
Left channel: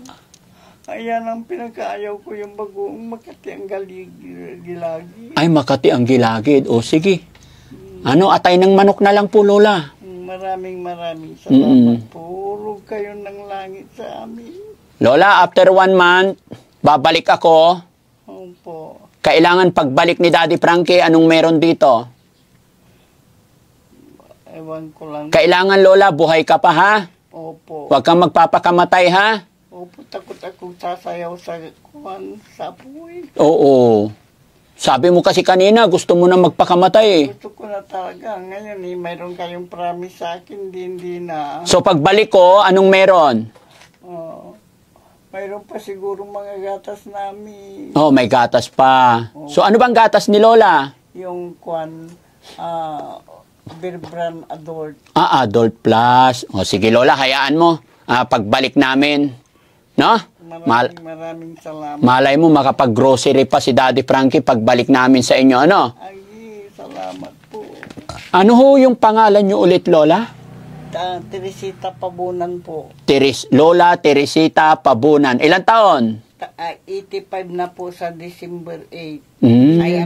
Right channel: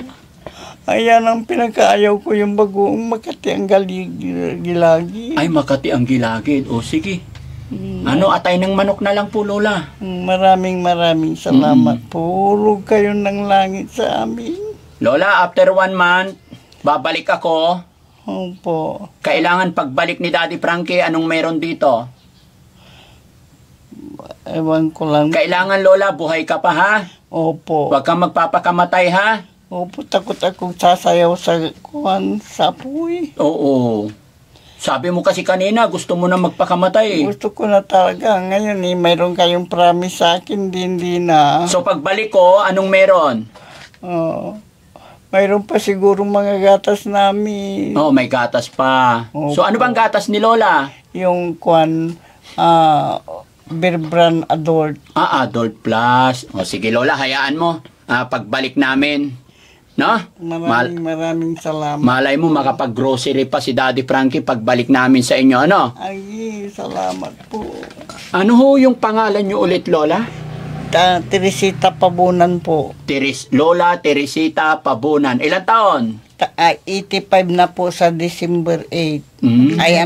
Ayan ang pinakaayaw ko, yung bagoong Makati ang gilagi. Ay, Makati ang gilagid. O, sige. Ano, atay ng manok na lang po, Lola. Maraming salamat po. Hulog kayo ng langit sa amin. Lola, after 1 month, babalik ako. Opo. Kailangan pagbalik ni Daddy Frankie, anong meron dito? Ewan ko lang. Kailangan, Lola, buhay ka pa, ha? Opo. Huwag kang magpapakamatay, ha? Opo, takot akong sasayaw sa sa apoy. Oo. Sabi mo kasi kanina, gusto mo na magpakamatay, eh. Gusto ko na talaga. Ngayon mayroon kayong promise sa akin, hindi na. So, pagbalik ko, anong meron? Mayroon pa siguro mga gatas namin. Oh, may gatas pa. Opo. So, ano bang gatas ni Lola? Yung Bear Brand Adult. Adult Plus. O, sige, Lola, hayaan mo. Pagbalik namin. No? Maraming salamat. Malay mo, makapag-grocery pa si Daddy Frankie pagbalik namin sa inyo, ano? Ay, salamat po. Ano ho yung pangalan nyo ulit, Lola? Teresita Pabunan po. Lola Teresita Pabunan. Ilang taon? 85 na po sa December 8.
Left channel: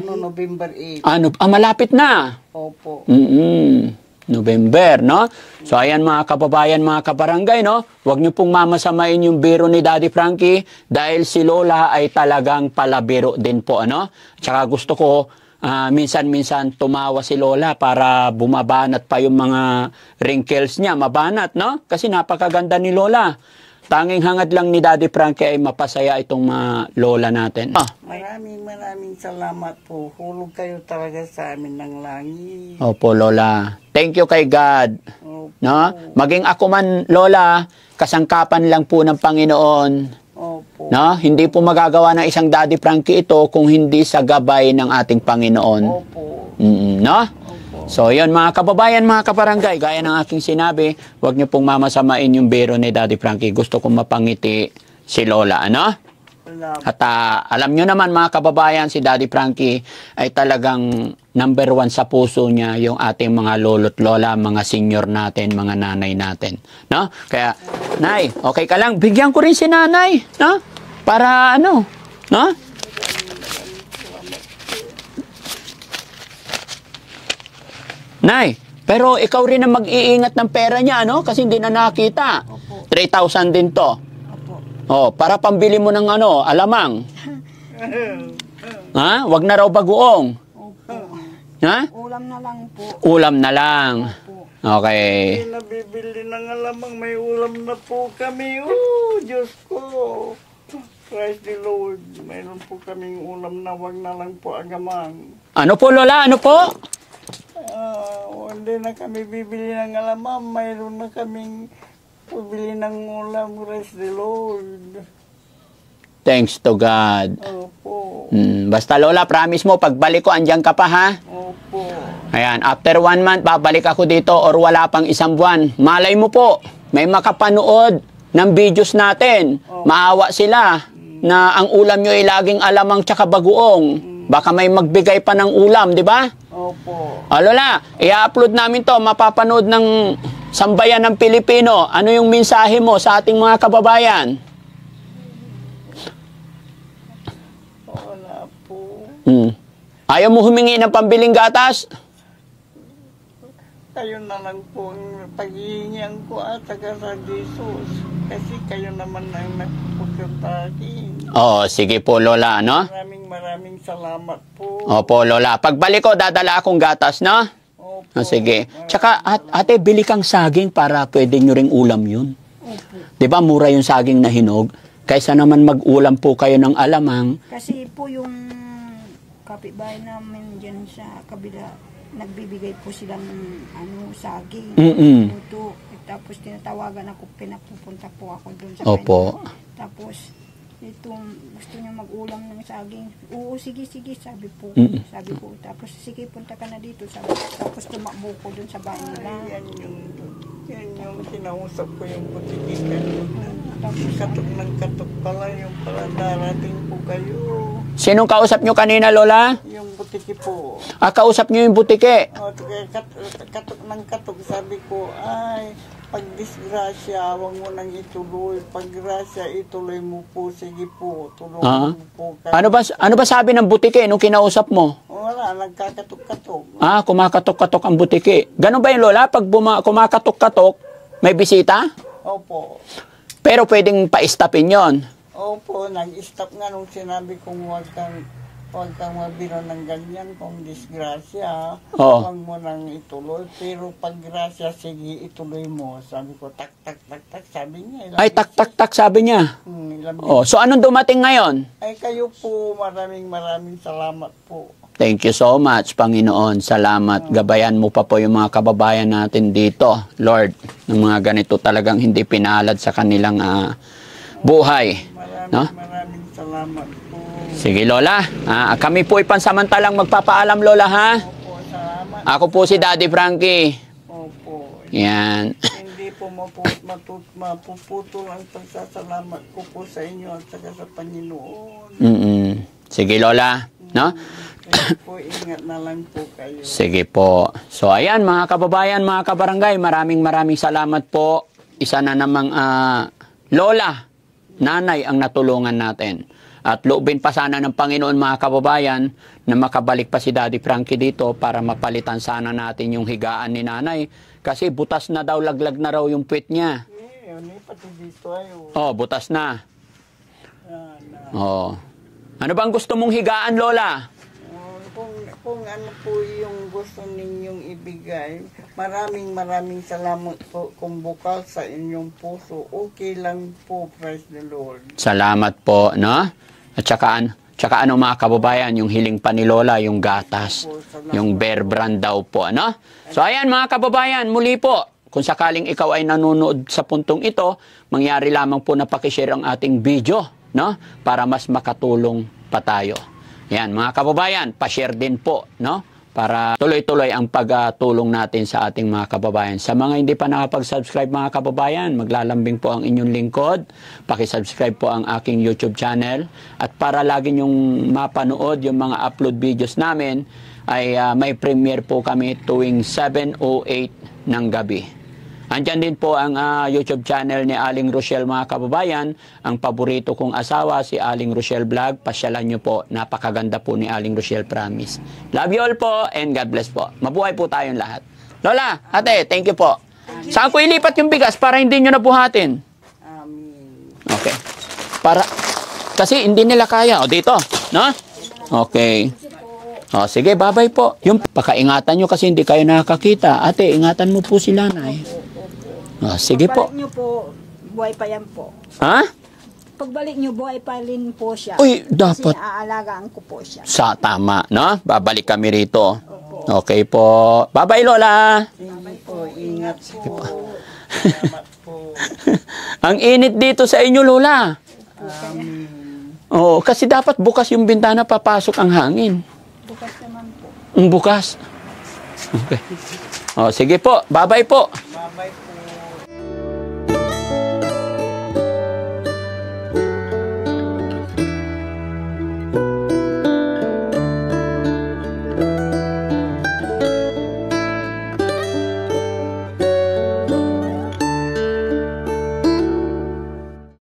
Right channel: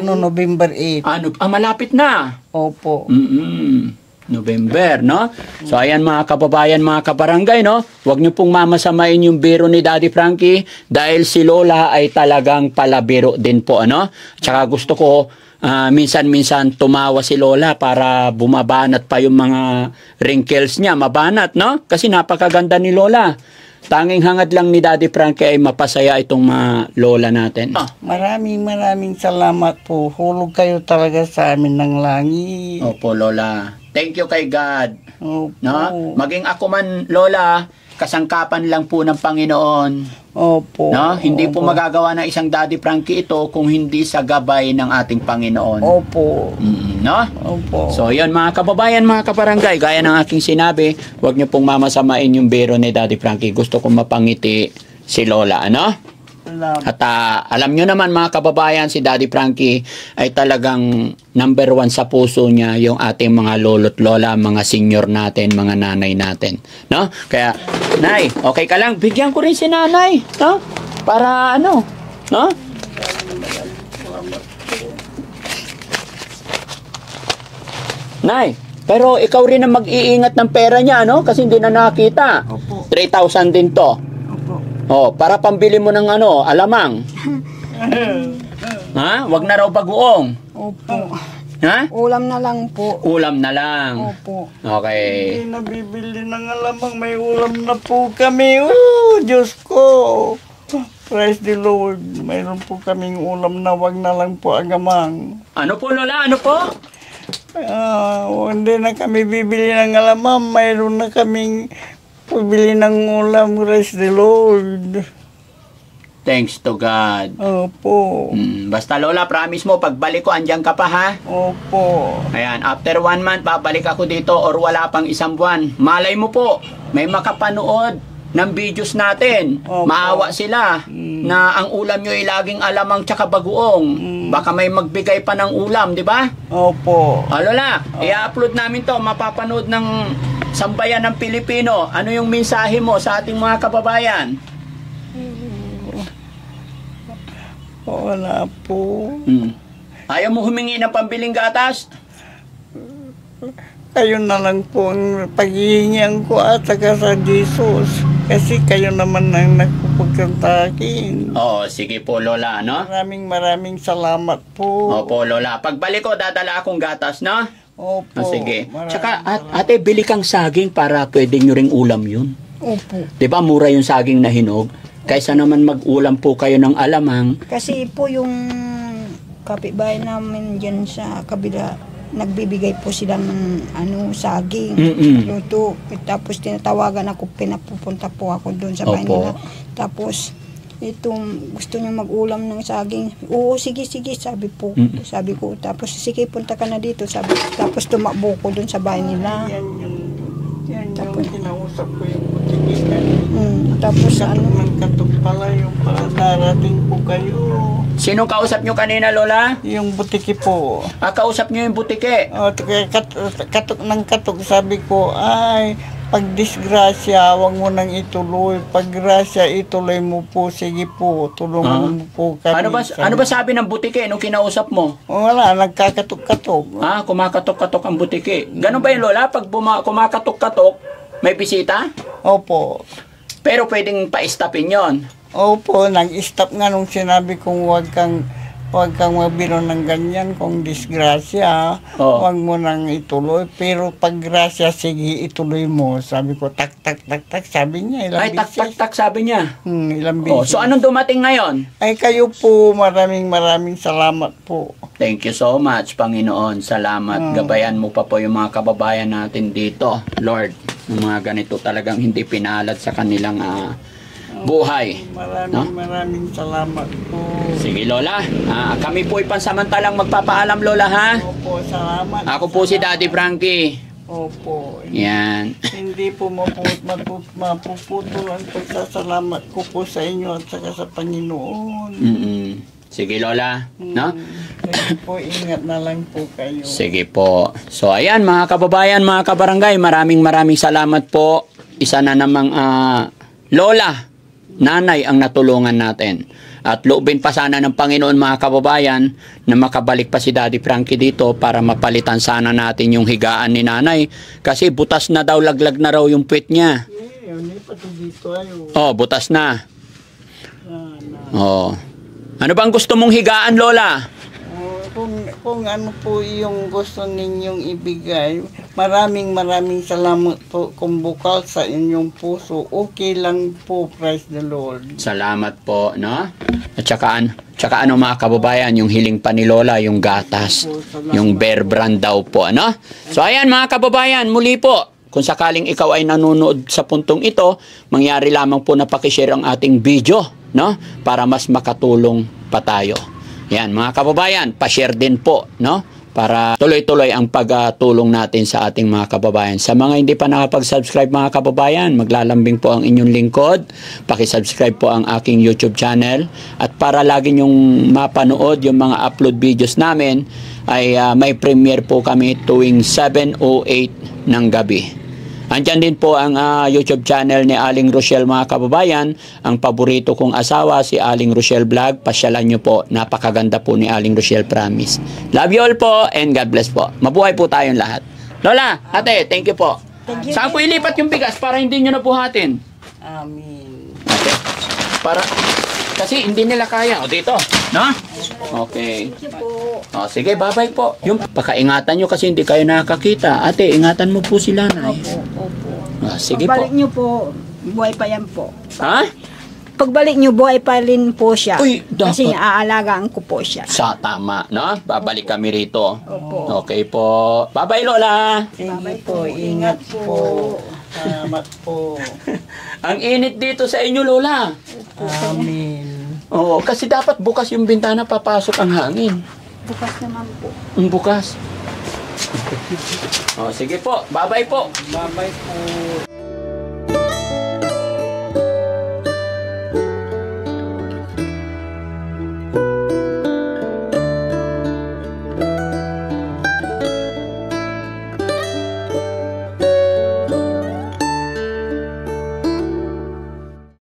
November 8. Malapit na. Opo. November, no? So, ayan mga kababayan, mga kabarangay, no? Huwag niyo pong mamasamain yung biro ni Daddy Frankie dahil si Lola ay talagang palabiro din po, ano? Tsaka gusto ko, minsan-minsan tumawa si Lola para bumabanat pa yung mga wrinkles niya, mabanat, no? Kasi napakaganda ni Lola. Tanging hangad lang ni Daddy Frankie ay mapasaya itong mga lola natin. Maraming salamat po. Hulog kayo talaga sa amin ng langit. Opo, Lola. Thank you kay God. Opo. No? Maging ako man, Lola, kasangkapan lang po ng Panginoon. Opo. No? Hindi po magagawa ng isang Daddy Frankie ito kung hindi sa gabay ng ating Panginoon. Opo. No? Opo. So, yun mga kababayan, mga kabarangay, gaya ng aking sinabi, huwag niyo pong mamasamain yung biro ni Daddy Frankie. Gusto kong mapangiti si Lola, ano? At alam nyo naman mga kababayan, si Daddy Frankie ay talagang number 1 sa puso niya yung ating mga lolo't lola, mga senior natin, mga nanay natin. No? Kaya, Nay, okay ka lang? Bigyan ko rin si nanay. No? Para ano? No? Nay, pero ikaw rin ang mag-iingat ng pera niya, no? Kasi hindi na nakita. Opo. 3,000 din to. Opo. Oh, para pambili mo ng ano, alamang. Ha? Wag na raw bagoong. Opo. Ha? Ulam na lang po. Ulam na lang. Opo. Okay. Hindi nabibili ng alamang, may ulam na po kami. Diyos ko. Praise the Lord. Mayroon po kaming ulam na wag na lang po agamang. Ano po, Lola? Ano po? Hindi na kami bibili ng alamang. Mayroon na kaming pabili ng ulam. Praise the Lord. Thanks to God. Opo. Basta Lola, promise mo, pagbalik ko, andyan ka pa, ha? Opo. Ayan, after 1 month, babalik ako dito or wala pang 1 buwan. Malay mo po, may makapanood ng videos natin. Opo. Maawa sila na ang ulam nyo ay laging alamang tsaka bagoong. Baka may magbigay pa ng ulam, di ba? Opo. Lola, i-upload namin to, mapapanood ng sambayan ng Pilipino. Ano yung mensahe mo sa ating mga kababayan? Wala po. Ayaw mo humingi ng pambiling gatas? Kayo na lang po ang paghihingian ko at saka sa Jesus. Kasi kayo naman ang nagpupagkanta akin. Oo, sige po, Lola, ano? Maraming salamat po. Opo, Lola. Pagbalik ko, dadala akong gatas, no? Opo. Sige. Maraming Tsaka, salamat. ate, bili kang saging para pwede nyo ring ulam yun. Opo. Di ba mura yung saging na hinog? Kaysa naman mag-ulam po kayo ng alamang. Kasi po yung kapitbahay namin dyan sa kabila, nagbibigay po sila ng saging, luto. Tapos tinatawagan ako, pinapupunta po ako doon sa bahay Opo. nila. Tapos itong gusto niyo mag-ulam ng saging. Oo, sige, sabi po. Sabi ko, tapos sige, punta ka na dito. Sabi, tapos tumakbo ko doon sa bahay nila. Yan yung kinausap ko yung butikitan. Tapos Katok pala yung darating po kayo. Sinong kausap nyo kanina, Lola? Yung butiki po. Kausap nyo yung butike. Katok, sabi ko, ay, pag disgrasya, huwag mo nang ituloy. Pag grasya, ituloy mo po. Sige po, tulungan mo po kami. Ano ba sabi ng butike nung kinausap mo? Wala, nagkakatok-katok. Kumakatok-katok ang butike. Ganon ba yun, Lola? Pag kumakatok-katok, may bisita? Opo. Pero pwedeng pa-stopin yon. Opo, nag-stop nga nung sinabi kong huwag kang mabiro ng ganyan kung disgrasya, huwag mo nang ituloy. Pero pag grasya, sige, ituloy mo. Sabi ko, tak, sabi niya. Ay, tak, sabi niya. Ilang bisis. So, anong dumating ngayon? Ay, kayo po, maraming salamat po. Thank you so much, Panginoon. Salamat. Gabayan mo pa po yung mga kababayan natin dito, Lord. Ng mga ganito talagang hindi pinalad sa kanilang buhay. Maraming salamat po. Sige, Lola. Kami po pansamantalang magpapaalam, Lola, ha? Opo, salamat. Ako po si Daddy Frankie. Opo. Yan. Hindi po mapuputol ang pagsasalamat ko po sa inyo at saka sa Panginoon. Sige, Lola. No? Sige po, ingat na lang po kayo. Sige po. So, ayan, mga kababayan, mga kabarangay, maraming salamat po. Isa na namang Lola, nanay ang natulungan natin. At loobin pa sana ng Panginoon, mga kababayan, na makabalik pa si Daddy Frankie dito para mapalitan sana natin yung higaan ni nanay. Kasi butas na daw, laglag na raw yung puwet niya. Butas na. Ano bang gusto mong higaan, Lola? Kung ano po yung gusto ninyong ibigay, maraming salamat po kung bukal sa inyong puso. Okay lang po, praise the Lord. Salamat po, no? At saka ano, mga kababayan, yung hiling pa ni Lola, yung gatas, yung Bear Brand daw po, no? So ayan, mga kababayan, muli po, kung sakaling ikaw ay nanonood sa puntong ito, mangyari lamang po na pakishare ang ating video, no? Para mas makatulong pa tayo. Yan, mga kababayan, pa-share din po, no? Para tuloy-tuloy ang pagtulong natin sa ating mga kababayan. Sa mga hindi pa nakapag-subscribe, mga kababayan, maglalambing po ang inyong lingkod. Paki-subscribe po ang aking YouTube channel. At para lagi nyong mapanood yung mga upload videos namin, ay may premiere po kami tuwing 7:08 ng gabi. Andyan din po ang YouTube channel ni Aling Rochelle, mga kababayan. Ang paborito kong asawa, si Aling Rochelle Vlog. Pasyalan nyo po. Napakaganda po ni Aling Rochelle, promise. Love you all po and God bless po. Mabuhay po tayong lahat. Lola, ate, thank you po. Saan ko ilipat yung bigas para hindi nyo nabuhatin? Amen. Kasi hindi nila kaya. O, dito. No? Okay. Sige, bye-bye po. Yung pakaingatan nyo kasi hindi kayo nakakita. Ate, ingatan mo po sila, Nay. Opo. Sige po. Pagbalik nyo po, buhay pa yan po. Ha? Pagbalik nyo, buhay pa rin po siya. Uy, dapat. Kasi naaalagaan ko po siya. Tama, no? Babalik kami rito. Opo. Okay po. Bye-bye, Lola. Sige po, ingat po. Salamat po. Ang init dito sa inyo, Lola. Amen. Kasi dapat bukas yung bintana, papasok ang hangin. Bukas naman po. Bukas. Okay. Sige po. Bye-bye po. Bye-bye po.